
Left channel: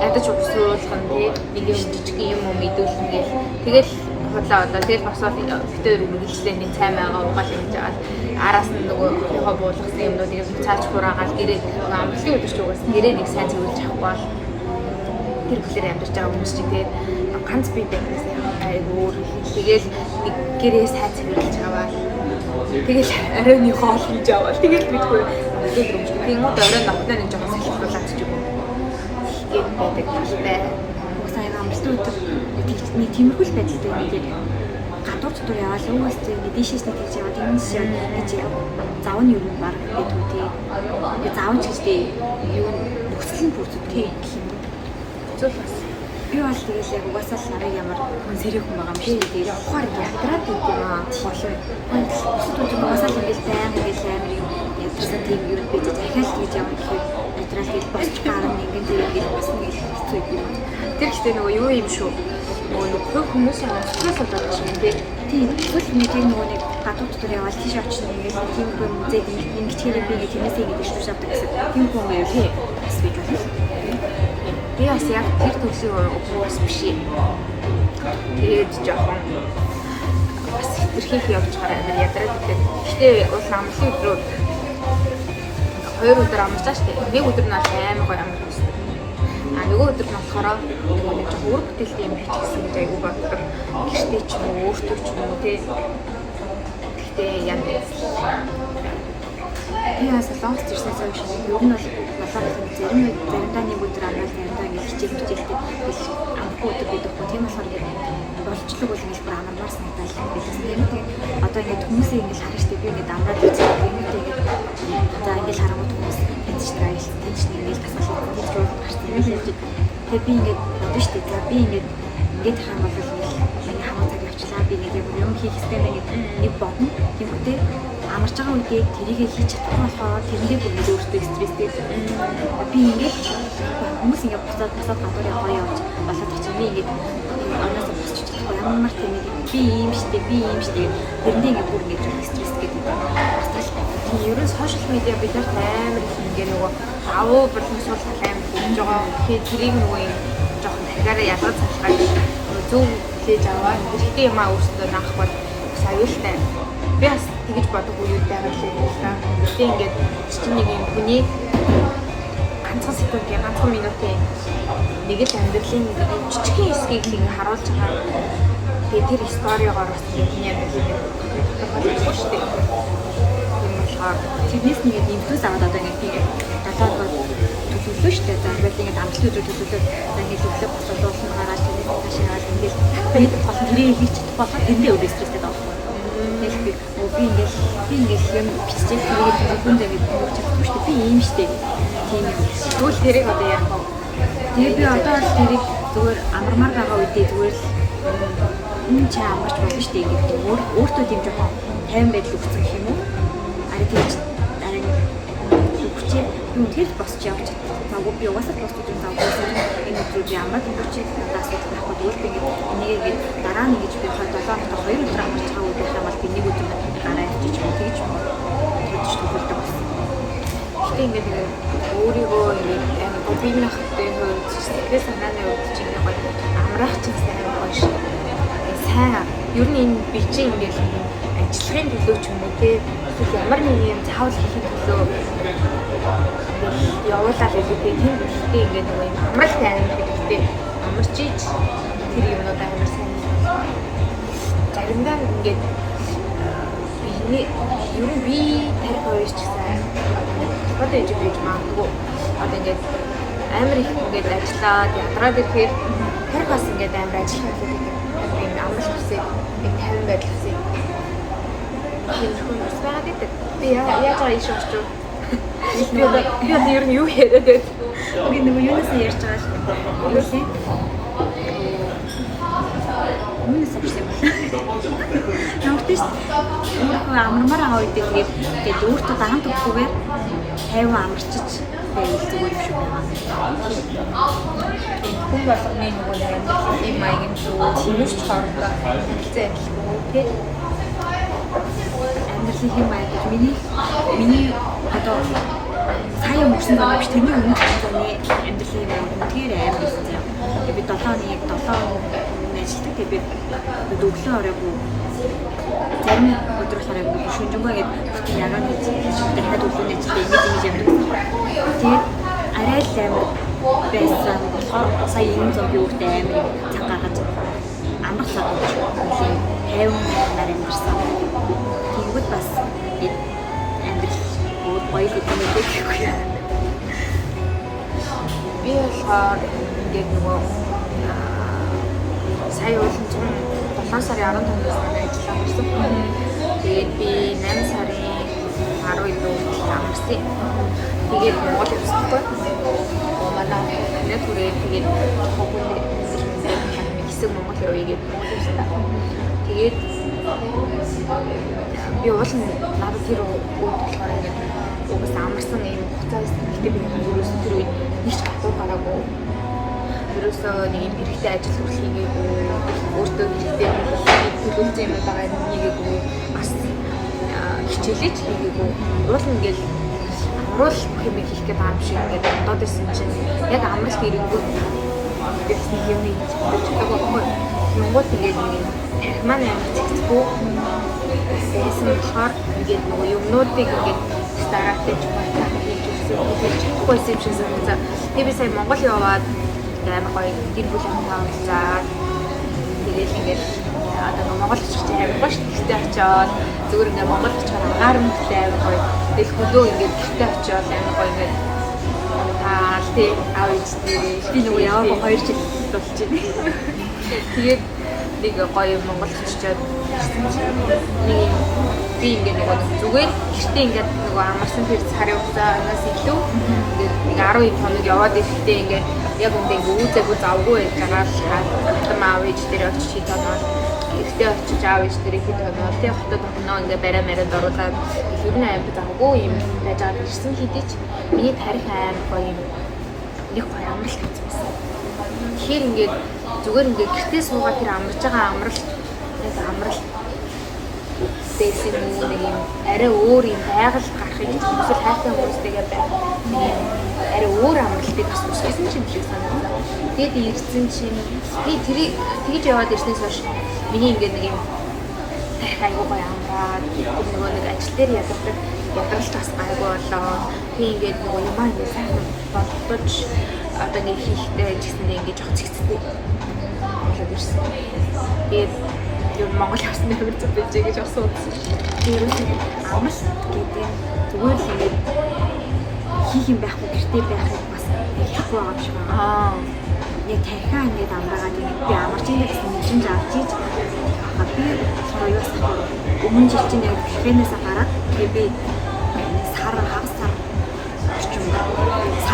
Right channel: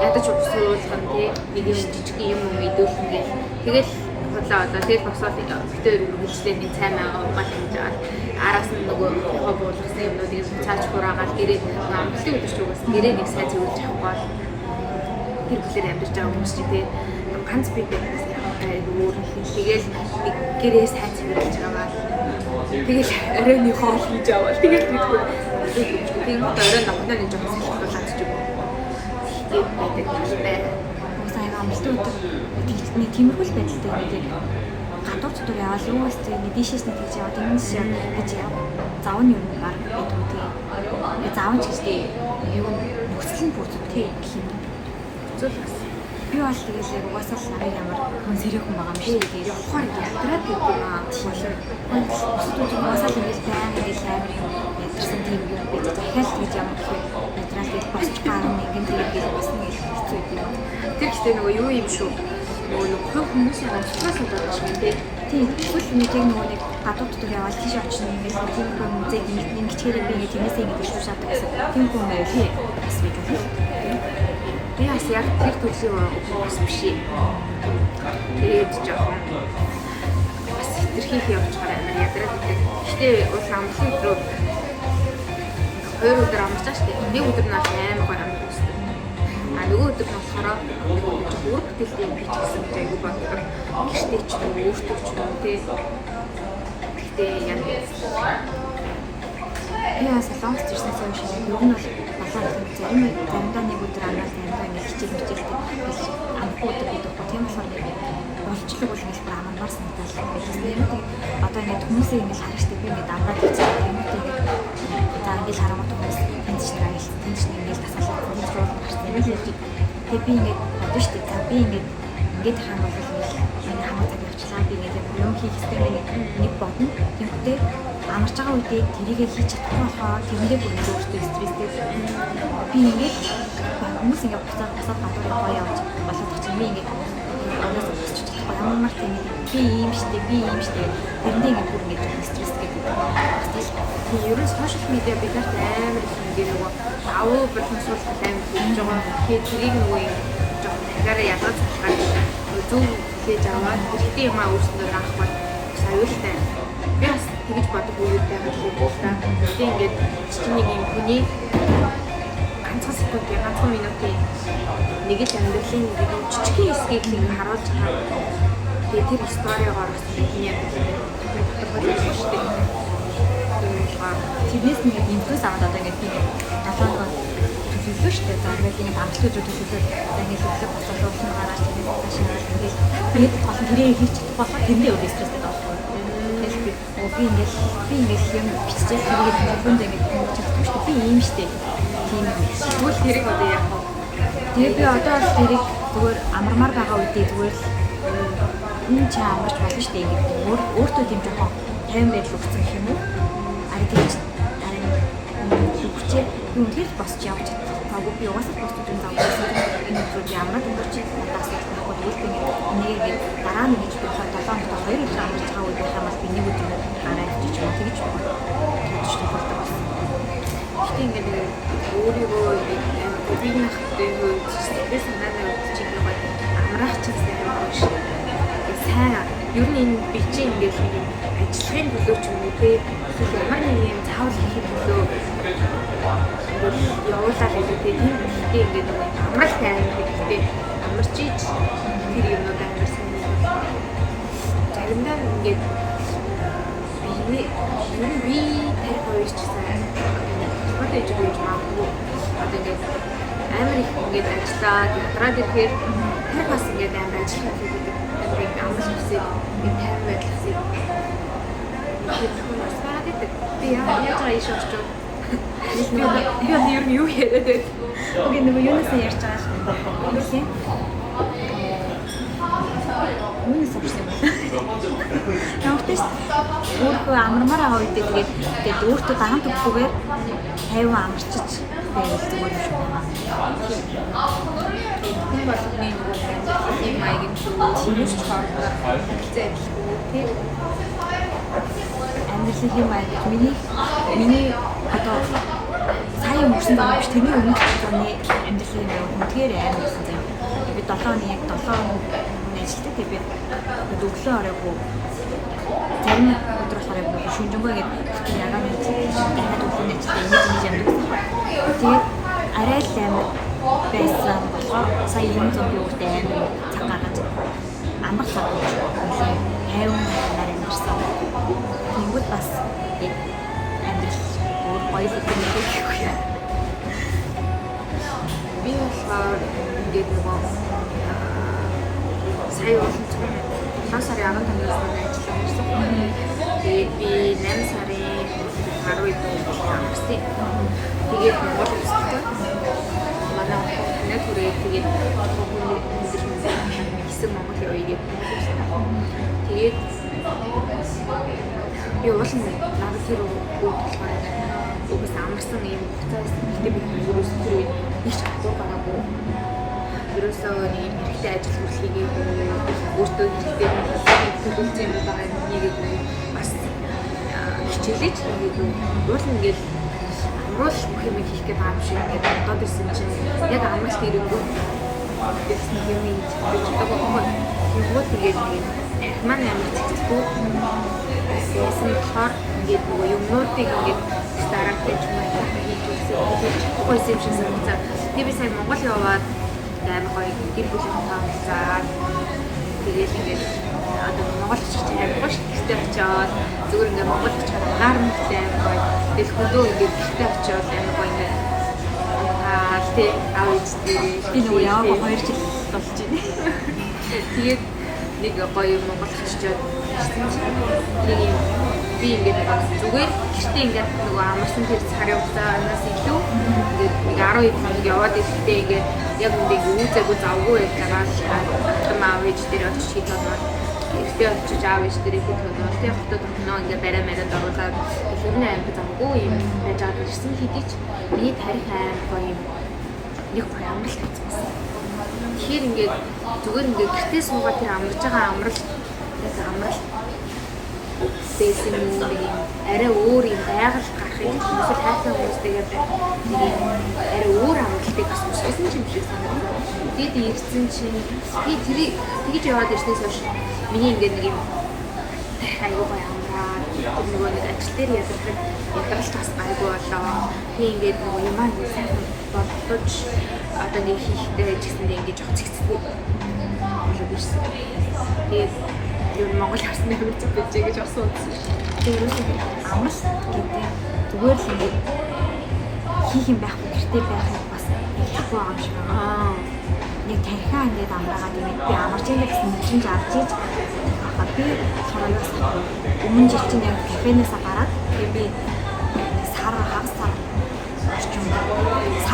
ядаж уусуулах юм тий нэг юм жижиг юм мэдүүлэн гээл тэгэл худлаа одоо тэгэл босоод битээр үргэлжлээ нэг цай маяга угаал хийж байгаа араас нь нөгөө хоо буулгасан юмнуудыг цааж хураагаал гэрээ амтлын өдөрч угаасан гэрээ нэг сайн зөвлөж авахгүй тэр бүлээр амьдарч байгаа хүмүүс чинь тий ганц бие байсан айгуу тэгэл нэг гэрээ сайн зөвлөж аваад тэгэл арайны хоол хийж аваад тэгэл бидгүй тийм мод арай нахнаа нэг жоохон салхиулаад ч юм уу гэдэг талтай. Сайн амжилттай өдөр нэг тиймэрхүү байдалтай нэг гадуур дотор яваад өөс тийм дишээс нэг хийж яваад юмс гэж яв. Зав нь юу баг бид үгүй. Ингээ зав ч гэжтэй юу нөхцөлийн бүрдтэй гэх юм. Зөв бас. Би бол тэгэл яг угаасаа л намайг ямар хүн сэрэх хүн байгаа юм шиг тэгээд явахаар ятраад гэх юм аа. Болоо. Бусад үеийн угаасаа л ингээл баян ингээл амар ядарсан тийм юм бид дахиад хийж явна гэхээр ятраад гэж босч гарна ингэн тийм ингээл бас нэг хэцүү юм. Тэр гэхдээ нөгөө юу юм шүү. Нөгөө нэг хүмүүсийн онцлогоос болоод байна тийм. Тийм эсвэл нэг нөгөө нэг гадуур дотор яваад тийш очно ингээл тийм хүн музейд ингэчээр би нэг тиймээсээ нэг ирсэн шатдаг гэсэн тийм хүн байл хээ. Бас гэж байна. Би бас яг тэр төрлийн хүн бас биш. Тэгээд жоохон бас хэтэрхий явж байгаа амар ядраад идэг. Гэтэ уул амралтын өдрүүд 2 өдөр амарчаач тийм. Нэг өдөр нь амар гоё амарч үздэг. А нөгөө өдөр нь болохоор нөгөө нэг өөр бүтээлтэй юм бич гэсэн гэж айгу боддог. Гэхдээ ч өөртөө ч юм уу тий. Гэтэ яа яа солонгост ирсэнээс хойш ер нь бол болоод заримдаа нэг өдөр амрал заримдаа нэг хичээлтэй амхгүй өдөр бидэггүй тийм болохоор болцлог бол ингэж бүр амармаас надад байсан юм. Одоо ингэ хүмүүсийн ингэж харах штеп би ингэ амраад үзэх юм уу за ингэ харангуут хүмүүс тэнцнээр аяс тэнцнээр ингэ тасгалж ингэж руу гарсан юм шиг. Тэгээ би ингэ бодсон штеп за би ингэ тах юм бол хамаг цаг явчлаа би нэг юм хийх хэрэгтэй мэй нэг бодно. Тэгэхдээ амарч байгаа үедээ тэрийг хийж чадахгүй болохоор тэрэндээ бүр нэг өөртөө стресстэй. Би ингээд хүмүүс ингээд буцаад гадуур яваа явж болоод очив би ингээд анаас босч чадахгүй ямар тийм би юм штэ тэрэндээ ингээд бүр нэг стресс гэдэг. Ерөөс сошиал медиа бидэрт амар их ингээ нөгөө давуу боловсруул амар бүгж байгаа. Тэгээд тэрийг нөгөө юм жоохон дахиараа ядаж цацгаад зөв хүлээж аваад ихтэй юм аа өөрсдөө наах бол аюултай. Би бас тэгж бодох үеуд байгаа л та. Тэгээд ингээд чинь нэг юм хүний ганцхан секундын ганцхан минутын нэг л амьдралын жижигхэн хэсгийг ингэ харуулж байгаа. Тэгээд тэр сториогоор бас миний амьдралыг тодорхойлж шүү дээ. Тэднээс нэг инфлюенс аваад одоо ингэ тийм талаалгаад төлөвлөө шүү дээ. За ингээд ингэ амжилт төлөвлөлөө за ингэ зөвлөг боцоод дуусна гараад тэгээд таашаа ингэж толон тэрийг хийж болоход тэндээ өөр стресстэй байхгүй. Тэгэхээр би ингэж юм бизнес нэг төлөвлөнд ингэ хийж чадахгүй шүү дээ. Би ийм шүү дээ. Тийм юм. Тэгвэл тэрийг одоо яах вэ? Тэгээд би одоо л тэрийг зүгээр амармаар байгаа үедээ зүгээр энэ ч амарч болно шүү дээ. Ингэ өөртөө тийм жоохон тайван байдал өгсөн гэх юм уу? Тэгж зүгчээ юм тэл босч явж цаагүй би угаасаа босч энэ цаагүй энэ зүйл ямар ч надаас асуудал байхгүй өөртөө энийг дараа нь гэж би 7 хоног 2 өдөр амарч байгаа үед хамаас би нэг өдөр дараа явчих юм тэгж бодож төлөвлөдөг болсон. Ингээд өөрийгөө ингээд бодгийг нахтай хөөж стресс санааны үед чинь гоё амраах чинь сайн гоё шүү. Сайн ер нь энэ бичиг ингээд ажлын төлөө ч юм уу те ямар нэг юм заавал хийх төлөө ингээд явуулаад байдаг тийм төлөвтэй ингээд нөгөө амралт тайван гэдэгтэй амарч ич тэр юмнууд амар сайн байна. Заримдаа ингээд ер нь би тарих хоёрч гэсэн одоо ээж байж магадгүй одоо ингээд амар их ингээд ажиллаад ядраад ирэхээр тарих бас ингээд амар ажиллах хэрэгтэй гэдэг амарч хэсэг нэг тайван байдлыг тэр хүн стаа гэдэг. Би яаж иш очив. Би одоо ер нь юу яриад байд. Үгүй нөгөө юунаас ярьж байгаа л юу юм. Юунаас авсан юм бэ? Навтис өөртөө амармаар байгаа үедээ тэгээд өөртөө даан төгсгүйгээр тайван амарчиж байвал зүгээр юм шиг байна. Хүн болгоны нөгөө амьдралын маягийн зүйл шинж хоорондоо хэлцээ адилгүй тэр амьдралын маяг миний одоо сая мөсөн доо биш тэний өмнөх оны амьдралын маяг үнээр амар байсан заяа. Би 7 оны нэжтэй тэгээд өглөө оройгоо зарим өдөр болохоор яг нэг шүнжэнгөө ингээд ягаан хийж дахиад өглөө нэжтэй ингэж явдаг байна. Тэгээд арай л амар байсан болохоор сая энэ зам би өөртөө амар цаг гаргаж амрах цаг гэж хайван нар амьдсан. Тэнгүүд бас амьдрал өөр гоё зүйлтэй гэхгүй. Би болохоор ингээд нөгөө сая уусан чинь 7 сарын 15-наас ажилласан гэсэн. Тэгээд би 8 сарын 12-нд амарсан. Тэгээд Монгол улстай манай нэг бүрээ тэгээд хогны хэсэг Монгол явъя гэдэг Монгол улстай. Тэгээд би уул нь надад тэр үед болохоор угс амарсан юм хуцаа байсан. Тэгээд би ерөөс тэр үед хийж чадвар гараагүй. Ерөөсөө нэг хэрэгтэй ажил үйлчлэгээгүй өөртөө төлөвлөсөн юм байгаа нэггүй бас хичээлж хийгээгүй. Уул нь ингээл амруулах юм хэрэгтэй байгаа юм шиг ингээд бодоод исэн чинь яг амралт ирэнгүүт гэсэн юм хэлдэг байхгүй. Юугууд ингээд нэг манай амьдгүй байсан болохоор ингээд нөгөө юмнуудыг ингээд стараахтай маягаар хийж үзсэн юм шиг санагдаа. Би сая Монгол яваад амар гоё гэр бүлийн таамаглаад тэгээд ингээд одоо Монгол очиж амар гоё шигтэй очиод зүгээр ингээд Монгол очихаар агаар мэгтэй амар гоё тэгэл хөлөө ингээд гэртээ очиод амар гоё ингээд тий аав ээжтэй би нөгөө яваа 2 жил болж байна. Тэгээд нэг гоё Монгол очиод нэг би ингээд нөгөө зүгээр гэртээ ингээд нөгөө амарсан тэр сарын хугацаанаас илүү ингээд нэг 12 хоног яваад ирэхдээ ингээд яг ингээд үүдээгүй завгүй байгаад хатам аав ээж дээр очиж хит оноод ихтэй очиж аав ээж дээр хит оноод тэг хотод огноо ингээд барай маринд оруулаад ер нь амар завгүй юм байж байгаа ирсэн хэдий ч миний тарих амар гоё юм нэг гоё амрал хийсэн. Тэгэхээр ингээд зүгээр ингээд гэртээ суугаад тэр амарж байгаа амрал яг амрал байсан юм уу нэг юм арай өөр юм байгаль гарахыг эсвэл хайртай хүмүүстэйгээ нэг юм арай өөр амралтыг бас үсгэсэн юм шиг санагдана. Тэгээд ирсэн чинь би тэрийг тэгж яваад ирснээс хойш миний ингээд нэг юм айгуу гоё амраад нөгөө нэг ажил дээр ядардаг ядарч бас айгуу болоо. Би ингээд нөгөө юм аа ингээд сайхан бодож одоо нэг хийхдээ ажилласандаа ингээд жоох цэгцтэй болоод ирсэн. Тэгээд юу Монгол явсан дээр үзэж байж гэж асуусан. Тэрээс амралт гэдэг зүгээр л ингэ хийх юм байхгүй гэртээ байхыг бас хэлэхгүй байгаа юм шиг байгаа. Яг тархиа ингэж амраагаад би амарч ингэ гэсэн юм авч ийж би сороёос өмнө жил чинь яг кафенээс гараад би хагас сар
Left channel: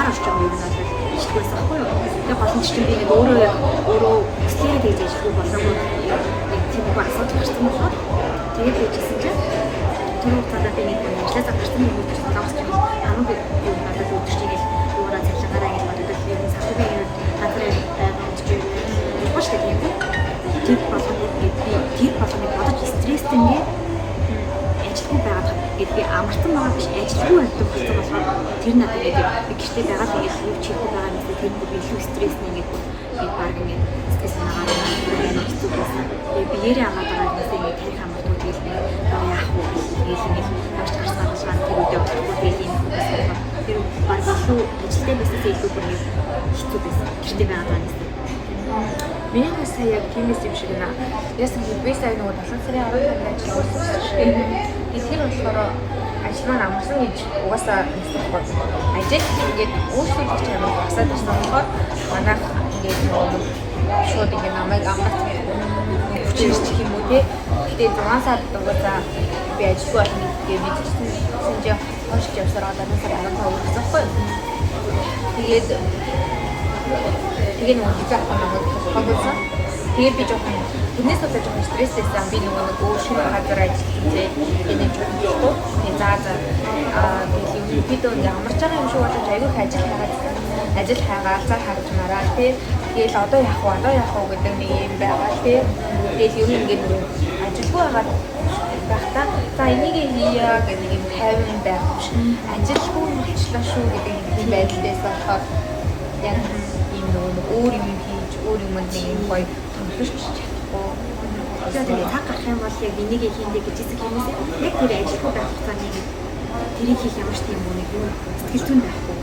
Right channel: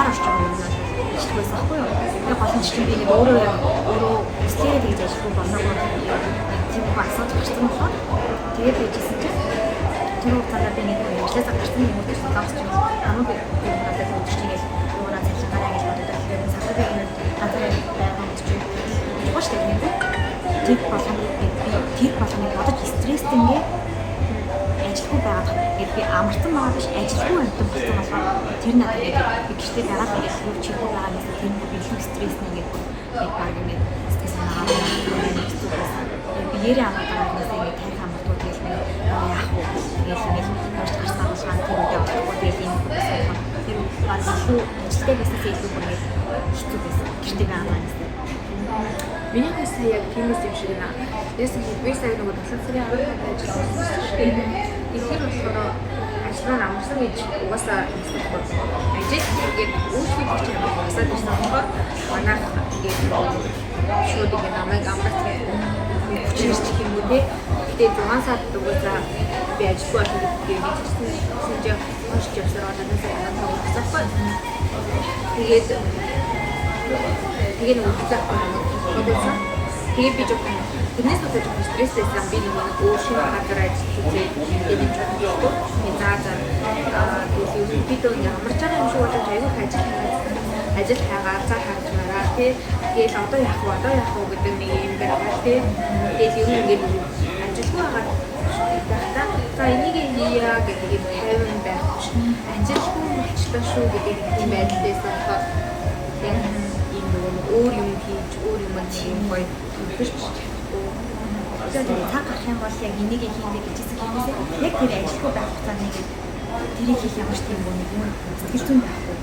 орчим юм надад ижилгүй байсан байхгүй юу. Яг боломж чинь би нэг өөрөө үсгээр дэж ижилгүй болоогүй тийм асуудал гарсан болохоор тэгээд bijсэн чинь тэр хугацаанд би нэг ажлаас гарсан юм уу гэсэн зам чинь хамаагүй юм надад үүдчих чинь гэж юугаар цалингараа ингэж боддог юм санхүүгийн газар байгаа үдчих маш их юм. Тэр болгоныг бодож стресстэй ингээ ажилгүй байгаад гээд би амарсан байгаа биш ажилгүй амьтан болсон болохоор тэр надад ингээд би гэртээ байгаад ингээд юу чихгүй байгаа юм эсвэл тэр бүр илүү стресс нэгээд бүр би баг ингээд стресс нагараа хэцүү байсан. Би нэрээ амаад байгаа юм гэсэн ингээд тай хамаагүй тэгэл яах вэ гэсэн юм явж гарсан болохоор тэр үедээ болохгүй тэгэл юм байсан. Тэр баг илүү ажилтай байснаас илүү бүр ингээд хэцүү байсан. Гэртээ байгаа юм гэсэн. Миний хасаа яг тиймээс юм шиг наа. Яасан гэвэл би сая нөгөө 7 сарын 15-нд ажилласан. Тэгэхээр болохоор ажлаа амарсан гэж угаасаа хэлэхгүй. Ажил ингээд өөрсдөө ямар басаад байсан болохоор манайх ингээд нөгөө шууд ингээд намайг амарсан хүчтэй юм уу те. Тэгээд 6 сар угаасаа би ажилгүй болсон гэдгийг мэдсэн. Сэнжээ хонш явсараа дараа сар 15 өргөсөхгүй. Тэгээд нөгөө хязгаарлалт намайг тусгааруулсан. Тэгээд би жоохон тэрнээс болоод жоохон стресстэйсэн. Би нөгөө нэг өөр шинэ газар ажиллаж үзээ. Тэгээд жоохон тэгээд тэгээд юу бид нэг амарч байгаа юм шиг болоод аягүй ажил хайгаа цаа харагнараа тэгээд одоо яах вэ гэдэг нэг юм байгаа тэгээд юу ингээд ажилгүй байгаа байхдаа за энийг хийя гэдэг юм тайван байх биш. Ажилгүй болчлаа шүү гэдэг юм байдлаас болохоор яг ийм нөгөө өөр юм хийж өөр юм нэг юм гоё төвлөрч чадахгүй. Тэгээд цаг гарах юм бол яг энийг хийндэ гэж хэсэг хэмээс яг тэр ажилгүй байх хугацаанд тэрийг хийх ямар ч тийм нэг юм сэтгэл зүйн байхгүй.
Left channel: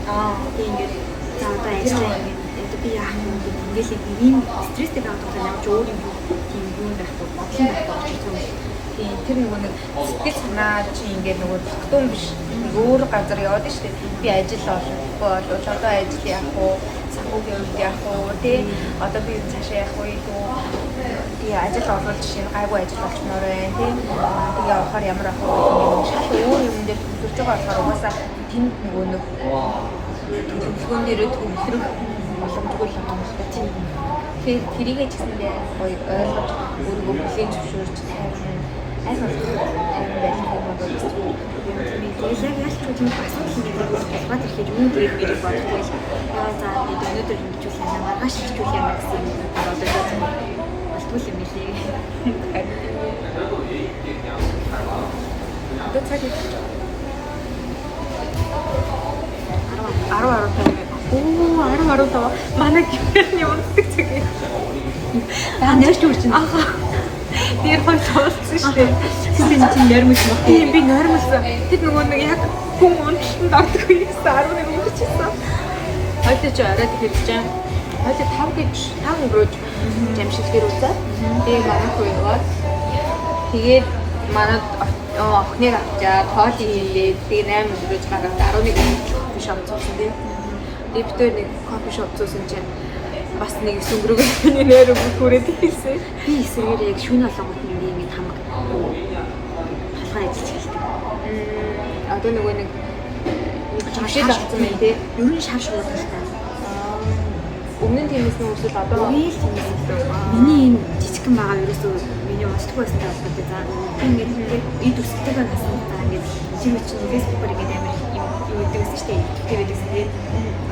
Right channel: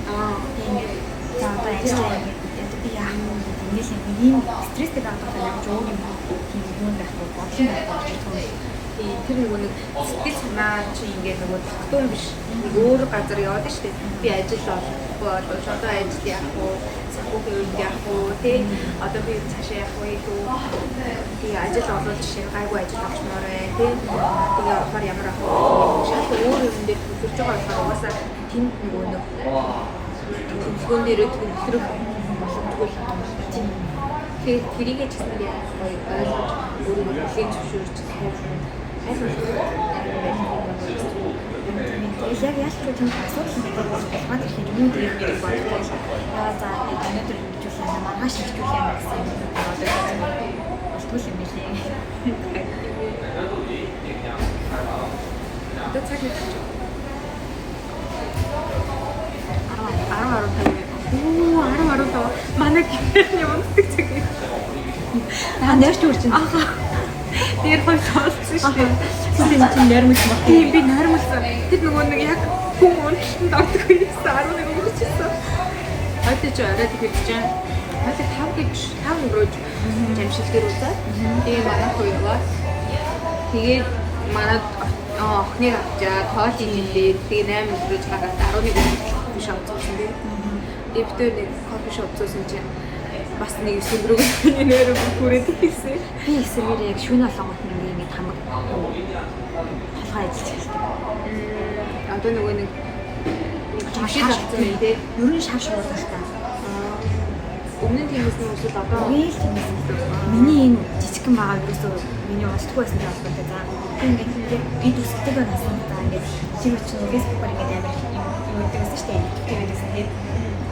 Тийм ингээд за одоо ажиллаа ингээд би яах юм бэ ингээд ийм стресстэй байгаа болохоор ямар ч өөр юм тийм юм байхгүй бодлон байхгүй гэж юм. Тийм тэр нэг сэтгэл санаа чинь ингээд нөгөө татуун биш нэг өөр газар яваад штэ. Би ажил олохгүй болооч одоо ажил яах вэ? Санхүүгийн яах вэ? Тэ одоо би цаашаа яах вэ? Би ажил олоод жишээ нь гайгүй ажил олчмоор байна. Тийм тэгээ болохоор ямар ах вэ? Шал өөр юм дээр төвлөрж байгаа болохоор угаасаа тэнд нөгөө нэг төлөвлөгөөн дээр төвлөрөх боломжгүй л байгаа юм шиг тийм. Тэгэхээр тэрийгээ ч гэсэндээ гоё ойлгож өөрийгөө бүлээн зөвшөөрч тайван аль болох тайван байх хэрэгтэй. Тэгээд яг яаж ч тийм асуудал нэг өөр болгоод ихээр юм дээр нэг бодлоо яа за бид өнөөдөр хэмжүүлээ нэ маргааш хэмжүүлээ гэсэн юм бодож байгаа. Болтгүй юм билээ. Одоо цаг хийж байгаа. 10 манай гэрний унтдаг цаг. Нэрч үрчин. Тэр хоёр сонссон шүү дээ. Тийм нэрмэс баг. Би нэрмэс. Тэр нөгөө нэг яг хүн унтсан дордог байсан 11 өнгөрчихсэн. Хойд ч орой тэгэхээр чинь хойд 5 гэж 5 өнгөрөөж жамшилтэр үзээ. Тэгээ манайх руу яваад тэгээд манад охиныг авчаад тоолыг хийлээ. Тэгээ 8 өнгөрөөж гараад 11 кофе шоп зоосон дээ. Тэгээд бид нэг кофе шоп зоосон чинь бас нэг сүмрэг нэрээ бүрээд ирсэн. Би эсрэгээр яг шүүн олонгот нэг хамаг тухай ажиллаж хэлдэг. Одоо нөгөө нэг жишээ авсан юм тий. Ер нь шар шуудалтай. Өмнө нь тиймээс нь үгүй одоо үгүй тиймээс миний энэ жижигхэн байгаа ерөөсөө миний уншдаг байсан гэж боддог. За ингээд эд үстэйгээ насан та ингээд шивч фэйсбүүкээр ингээд амар юу гэдэг байсан шүү дээ. Тэгээд тэгээд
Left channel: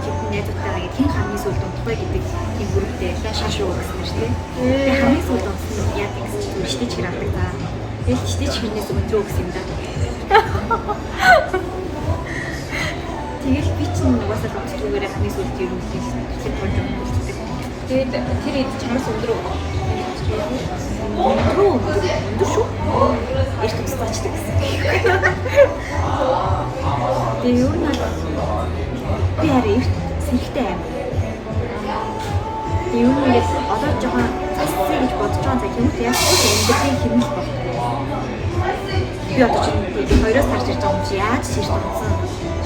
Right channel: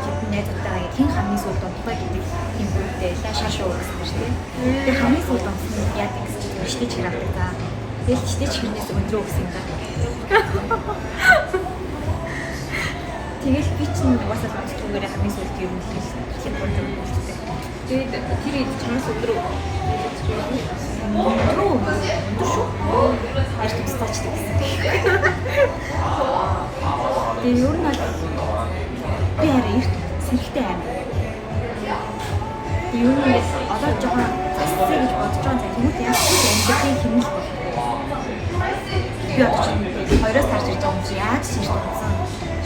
хитэн найзтайгаа ингээд хэн хамгийн сүүлд унтах гэдэг тийм бүрэлдэхүүнтэй шар шууд гэсэн шүү дээ. Тэгээд хамгийн сүүлд унтсан яадаг гэсэн чинь штич хэр авдаг та. Тэгээд штич хинээс өндрөө гэсэн юм да. Тэгэл би чинь угаасаа онцлогоор хамгийн сүүлд ер нь хийсэн. Тэгээд тэр чамаас өндөр шүү. Эрт тусдаачлаа гэсэн. Тэгээд ер нь би хараа эрт сэрхтэй аим. Тэгээд ер нь ингээд одоо жоохон засцээ гэж бодож байгаа цаг юм уу яах вэ? Эндээ хэмнэл байна. Би одоо чинь 2-оос тарж ирж байгаа юм чи яаж сэрт онцсон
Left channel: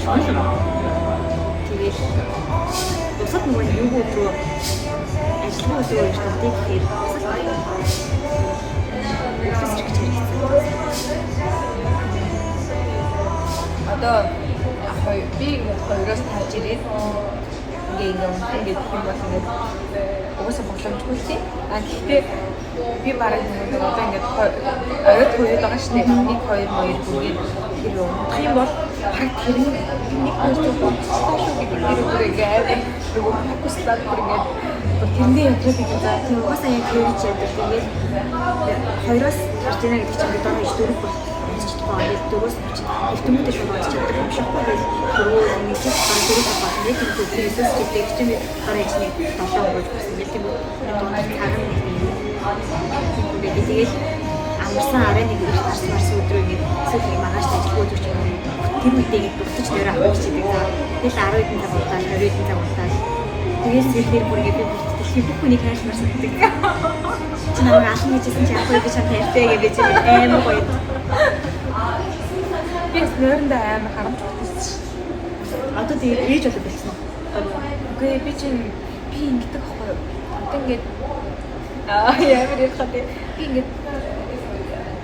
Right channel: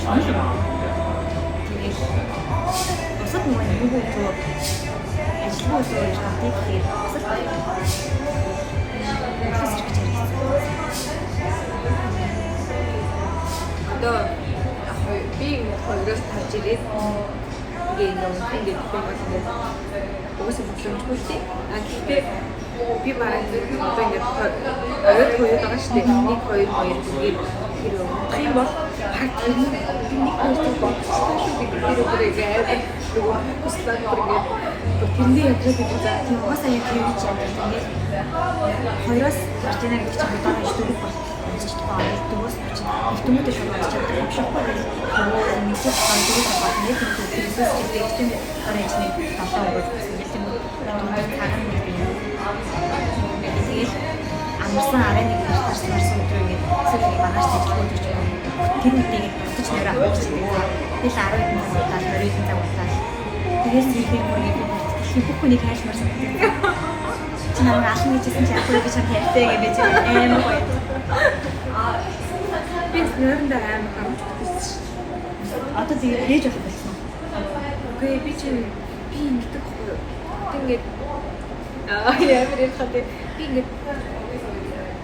шүүл юм. Тэгээд бусад нөгөө юу рүү ажлын өдрөө ирж байгаа тэгээд одоо би 2-оос тарж ирээд ингээд юм бол ингээд угаасаа боломжгүй тий. Гэхдээ би бараг нэг одоо ингээд орой хоёуд байгаа шүү дээ. 1 2 2 бүгд тэр юм бол нэг postод сташуу гэдэг тэр үгээр нөгөө фокуслаад бүргээд тэмдэг явдаг гэж байна. Тийм угаасаа яг тэр үуч яадаг. Тэгээд 2-оос гарч ийна гэдэг чинь бид оны 4 бол болчихдоо. Яг 4-оос чинь эртэмүүдээ шууд олж чаддаг юм шиг байна. Тэрөө нэг ч ган 4-оос аваад нэг юм төсөөс гэдэг тийм дараа ичний тавтаа өгөөж гэсэн. Яг тийм дунд цагаан нэг юм. Тэгээд амарсан арай нэг их тасмарс өдрөө ингээд эсвэл маргааш ажиллах өдөр ч юм уу. Тэр үедээ ингээд дутаж нэр авах гэж байгаа. Тэгэл 10 хэдэн цаг удаа, 20 хэдэн цаг удаа. Тэгээд зэрэг бүр ингээд бүхнийг хайшмаар санагддаг. Чи намайг алхан гэжсэн чи ахгүй гэж чам хайртай гэж амар гоё. Би нөрөндөө амар харамж байсан. Одоо тэгээд ээж болоод байсан уу? Үгүй би чинь ингэдэг байхгүй. Одоо ингээд ямар их хатэ би ингээд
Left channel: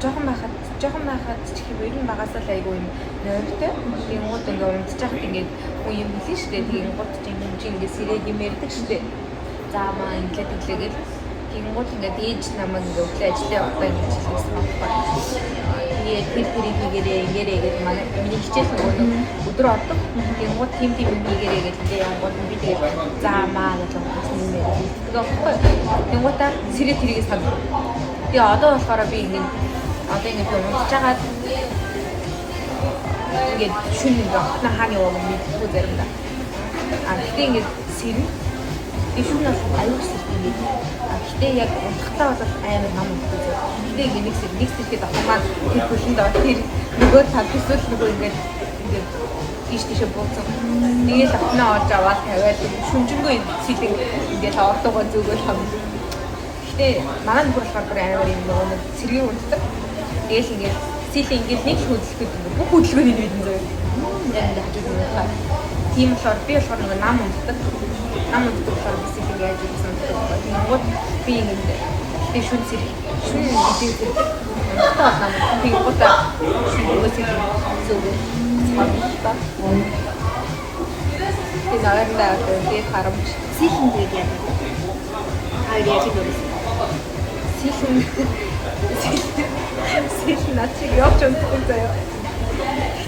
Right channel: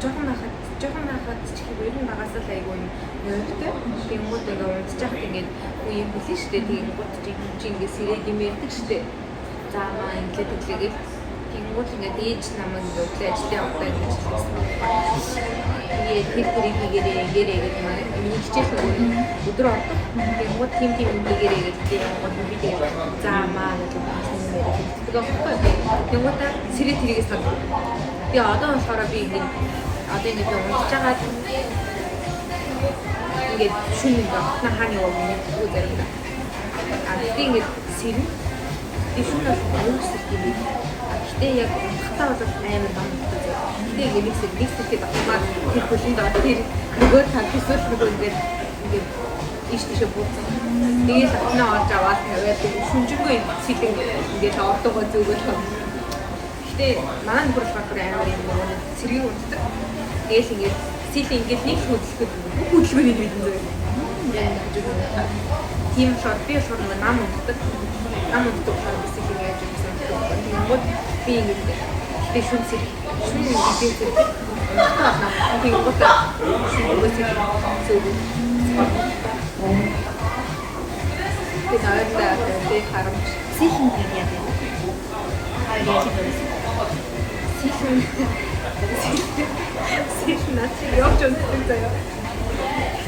жоохон байхад хэвээр нь багасаа айгүй юм нөртэй. Тэнгууд ингээд унтчих ингээд хүн юм хэлсэн шүү дээ. Тэнгууд чинь ингээд сэрэг юм ярьдаг шүү дээ. Замаа инглитэглээд тэнгууд ингээд ээж намайг ингээд өглөө ажиллаж явахдаа ингэж хэлсэн байхгүй. Тэгээд тэр хийгээрээ ингэрээ манай миний хичээл нөгөө өдөр ордог. Тэнгууд тийм ингэрээ гэдэг янгууд би тэгээд замаа гэж хасан юм яриад хэлдэг байхгүй. Тэнгуудаа сэрэг тэрийг санав. Тэгээ одоо болохоор би ингээд одоо ингээд унтж байгаа ингээд шүн ингээд хатна хааны яваг мэдгүй заримдаа. Тэгээ ингээд сэрэг ишүүн бас аюулсдаг юм. Гэтэ яг унтахтаа бол амар ном унтдаг. Гэтэ ингээд нэг сэтэд ахмаар тэр хөлөнд байгаа тэр нөгөө тал төсөл нөгөө ингээд ийш тийш бууцсан. Тэгээд ахнаа орж аваад тавиад шүнжэнгөө сэтэд ингээд ордогоо зүгөөл хам. Гэтэ манай нөхөр болохоор амар юм нөгөө нэг сэргийн унтдаг. Тэгээд ингээд сэтэд ингээд нэг хөдөлгөд бүх хөдөлгөөний мэдэн зөө. Яг ингээд хажууд нь таа. Тийм болохоор би болохоор нөгөө нам унтдаг. Нам унтдаг болохоор бисик ингээд ажилласан гэдэг байна. Тэнгууд би ингээд би шүн видео гэдэг. Унтдаг нам тэнгуудаа нөгөө сэтэд зөөгөө спорттой. Тэгээд наадаа би харамж сихиндэг яа гэдэг. Хаяа яаж хийвэл сихин начиг явж унтдаг заяа.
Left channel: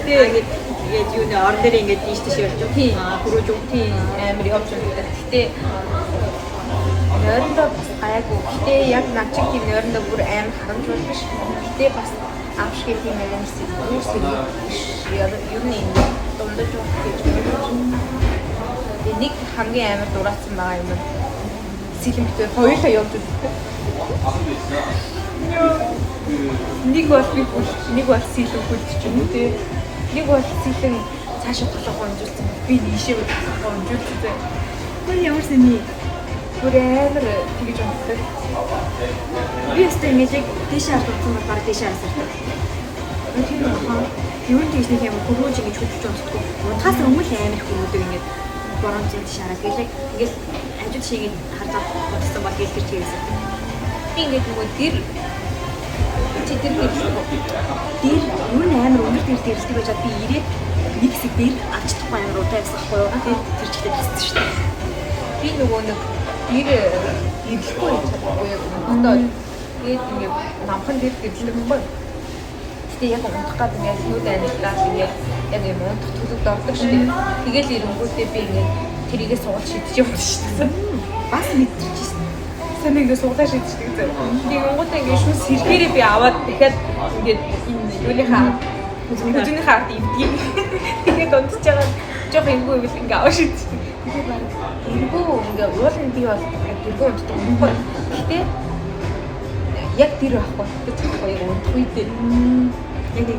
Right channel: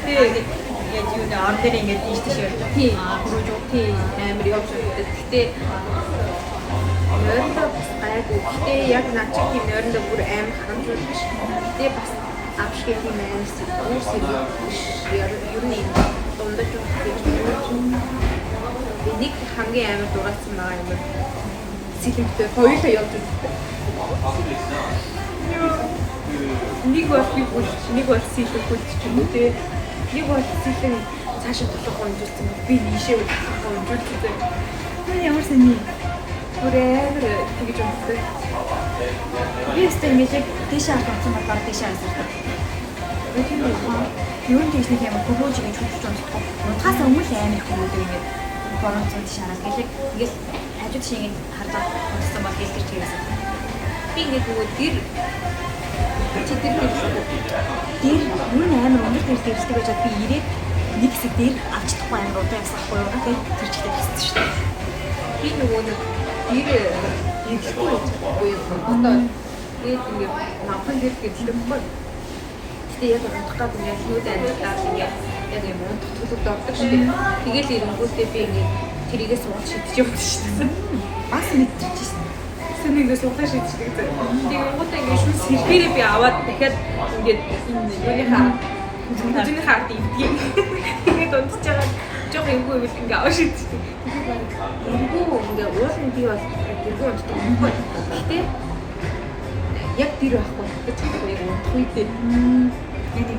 Тэгээд яг юу нэ ордер ингээд тийш тийш явж тийм хөрөөж тийм амар явж унтдаг. Гэтэ нойрондоо гайгүй. Гэтэ яг начиг тийм нойрондоо бүр амар харамж байдаг ш. Гэтэ бас авшиг тийм амар сэргийг ер нь энэ дундаж явах гэж нэг хамгийн амар дураацсан байгаа юм. Сэлэмтэй хоёулаа явж үздэг. Нэг бол би бүр нэг бол сэлэм хүлдчихв үү те. Нэг бол сэлэм цаашаа тоглох хонжулсан. Би ийшээ тоглох хонжулчихсан. тэр ямар сони Бүр амар тэгж унтдаг. би өстэй ингээд тийшээ авсан болохоор тийшээ авсан. Тэр нь хаа юу нэг нэг юм хөрөөж ингэж хөдлөж унтдаг. Унтахаас өмнө амар хөрөөдөг ингээд борон цууд шараад ингээд хажууд шиг ингээд хадаад унтсан баг гэлтэр чийсэн. Би ингээд нөгөө тэр Чи тэр гэлээ. Тэр юу н амар өндөр дэлтэй ирсдэг байж би ирээд нэг хэсэг дээр авч чадахгүй амар удаа явсахгүй юу. Тэр чигтэй тассан шүү дээ. Би нөгөө нэг ирэхгүй чадахгүй юм. Одоо тэгээд ингээд намхан дээр гэрлэхгүй. Тэгээд яг унтах гад ингээд нүд амьдлаа ингээд яг юм төлөвд ордог шүү дээ. Тэгээд ирэнгүүтээ би ингээд тэрийгээ суугаад шидэж явах шүү дээ. Бас мэдчихсэн. Санийгээ суугаад шидчихдэг зэ. Тэгээд унгуудаа ингээд шүүс сэргээрээ би аваад дахиад ингээд энэ юуныхаа хүчний хаард ивдгийг. Тэгээд унтж байгаа жоох эвгүй ивэл ингээд аваа шидчихдэг. Тэгээд баг эвгүй ингээд уулын би бол эвгүй унтдаг байхгүй. Гэтэ яг тэр байхгүй. Тэгэхээр яг унтах үедээ яг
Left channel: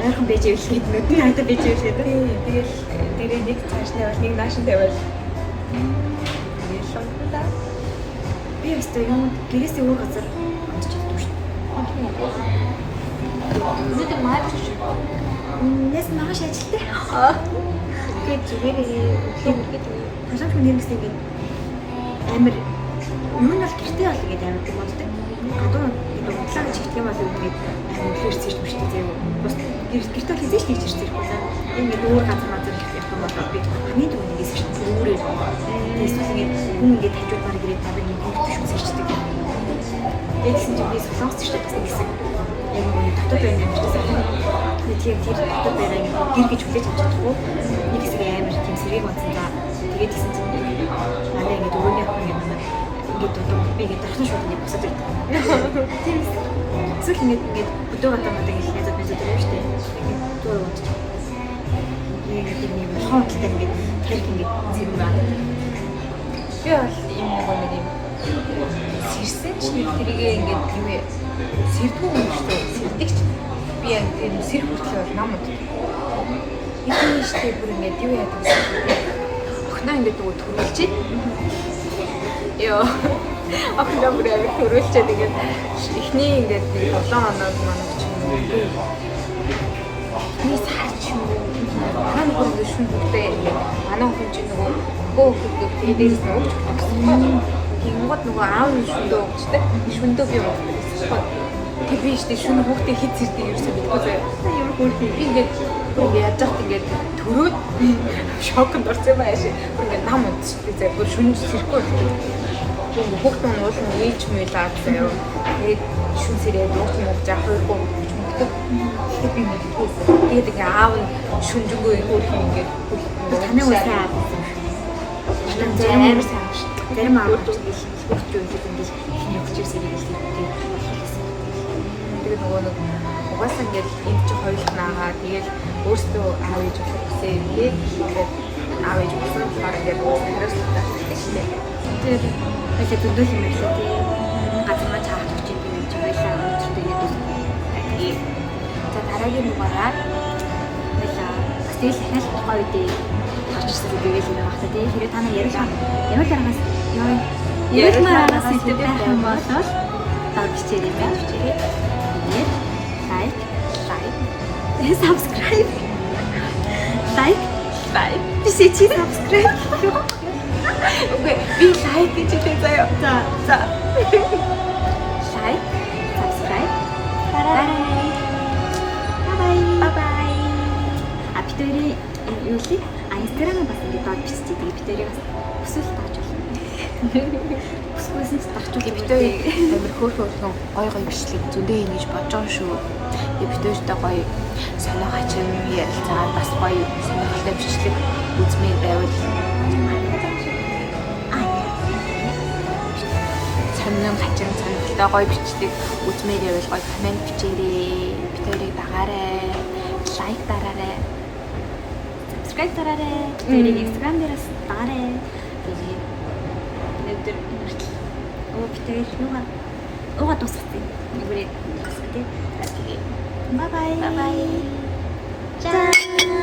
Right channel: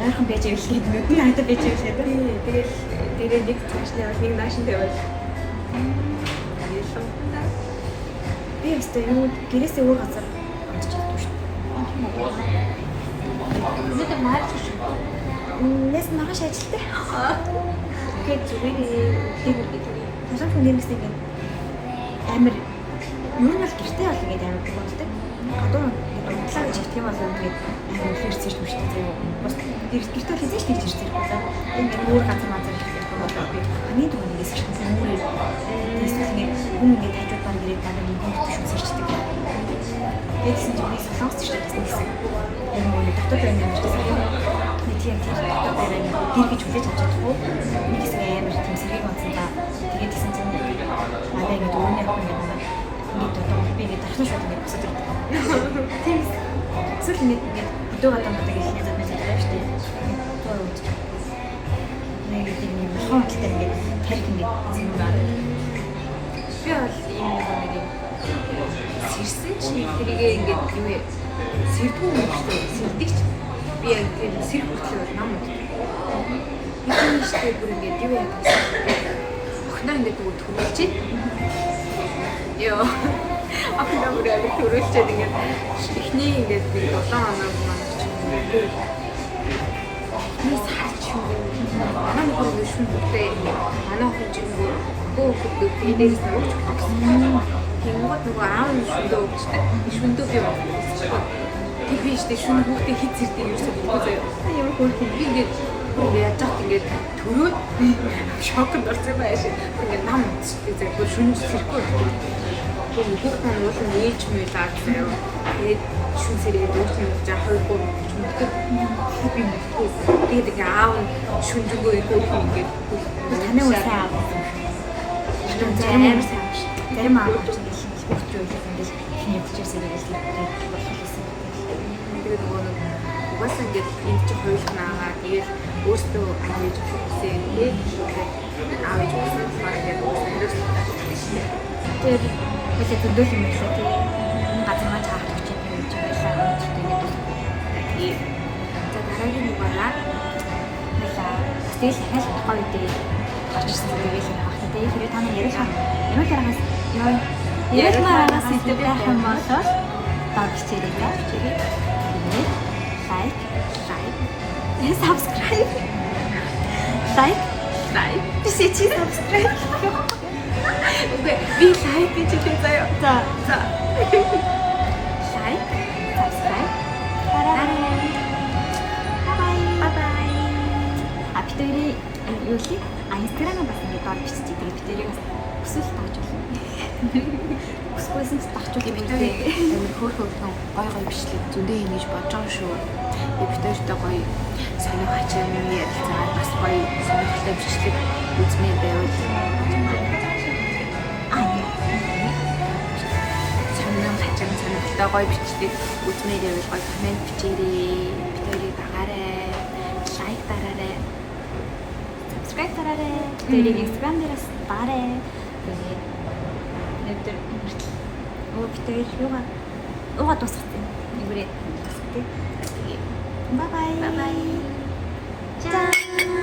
айхан байж ивэл нүд нь хайтаа байж ивэл тэгээд дээрээ нэг цааш нь нэг наашин тавиад ялламтаа би өстэй юу гэрээсээ өөр газар амтж чаддаг шүү дээ. Нэг маач шүү. Нэс маш ажилтай. Тэгээд зүгээрээ талан хүн нэмсэн ингээд амар юу нь бол гэртээ бол ингээд амар бig болдог. Гадуур ингээд унтлаа гэж хэлдэг юм бол ингээд амар фэрс ирж мөрчтэй зөө. Бас гэртээ бол хийж ирж ирэхгүй лаа. Ингээд өөр газар мазар явах юм бол би хамгийн түрүүнээс өөрөө эсвэл ингээд хүн ингээд хажууд баг ирээд надад нэг биш үсэрчдэг. Тэгсэн чинь би солонгос ч гэсэн бас нэгсэн. Яг нэг дотоод байна юм шиг санаа. Тэгээд дотоод байна гэр гэж хүлээж авч чадахгүй. Нэг хэсэг амар тийм сэргийг онцсон та. Тэгээд тэгсэн чинь манай ингээд өрөөний ах ингээд манай ингээд одоо би ингээд дахин шууд ингээд босоод ирдэг. Тийм. Зөвхөн ингээд хөдөө гадаа модыг хэлнэ зөв мэдээд байна шүү дээ. Ингээд зур унтчих. Нэг тийм юм хаалттай ингээд тарих ингээд зэрэг байна. би бол энэ нэг сэрсэн чи тэрийгээ ингээд тийм ээ сэрдгүү юм шүү дээ. Сэрдэгч би яг тэр сэр хүртлээ нам уу. Ихний штэ бүр ингээд юу яа гэсэн. Охноо ингээд нөгөө төрүүлчих. Яа. Охноо бүр ингээд төрүүлчихэд ингээд ихний ингээд 7 хоног манай чинь би саач юу. Нам бүр ингээд шүнбүтэй манай охин чинь нөгөө гоо дээрээс нь өгч байна. Тэнгод нөгөө аав нь шүндөө өгчтэй. Шүндөө би өгсөн. Тэг би штэ шүн хүүхдээ хит зэрдэг юм шиг үгүй зөө. Ямар хөөрхөн ингээд бүр ингээд яаж зах ингээд төрөөд би шокнд орсон юм ааш. Бүр ингээд нам унтчихлээ зөө. Бүр шүн зэрэхгүй. Тэг хүүхдээ нь уулын ээлж мэлээ заяа. Тэгээд шүн зэрэг ууч юм уу заах хоёргүй шүнтэй. Тэг би мэдгүй. Тэгээд ингээ аав нь шүнжэнгөө хөөрхөн ингээд таны үсээ аав. Зарим зарим аав гэж хөгч үйлс ингэж хөвчөөсөө гэж хэлсэн. Тэгээд нөгөө нэг угаасаа ингээд энэ чи хоёулнаагаа тэгээд өөртөө аав ээж ушиг хүсээ ингээд аав ээж ушиг болохоор ингээд угаасаа хариуцлага хийчихсэн. Тэгээд хэсэг зөндөл юм эсвэл тийм газар маань чаах гэж юм байж байгаа юм тэгээд тэгээд за дараагийн дугаараа mesela стил хэл гоё дээ гарчсан зүйлээс нэг багтаа тийм хэрэг та нар яриулаараас яриулаараас хэлдэг байх юм бол доод бичээрэй та. Тэгээд лайк subscribe like бисэчи subscribe. Окей, би лайк гэж хэлээ заяа. За. Like, subscribe. Bye. Апитори юу ли? Инстаграм бас ингэ доод бичиж тэгээд битэрийг бас өсөл тааж болно. Өсгөөсөн ч тахчул Битэрийг амар хөөрхөн гой бичлэг зөндөө юм гэж бодож байгаа шүү. Битэртэй гоё сонио хачин ярилцаад бас гоё сонирхолтой бичлэг үзмээр байвал сонин хачин сонирхолтой гоё бичлэг үзмээр байвал гоё комент бичээрэй. Битэрийг дагаарай. Лайк дараарай. subscribe дараарай. Тэгээд Instagram дээрээс дараарай. Тэгээд Нэвтэр битэр юугаа тусгацیں۔ Нүрээ тусгатээ. Bye bye. бай бай. Ciao.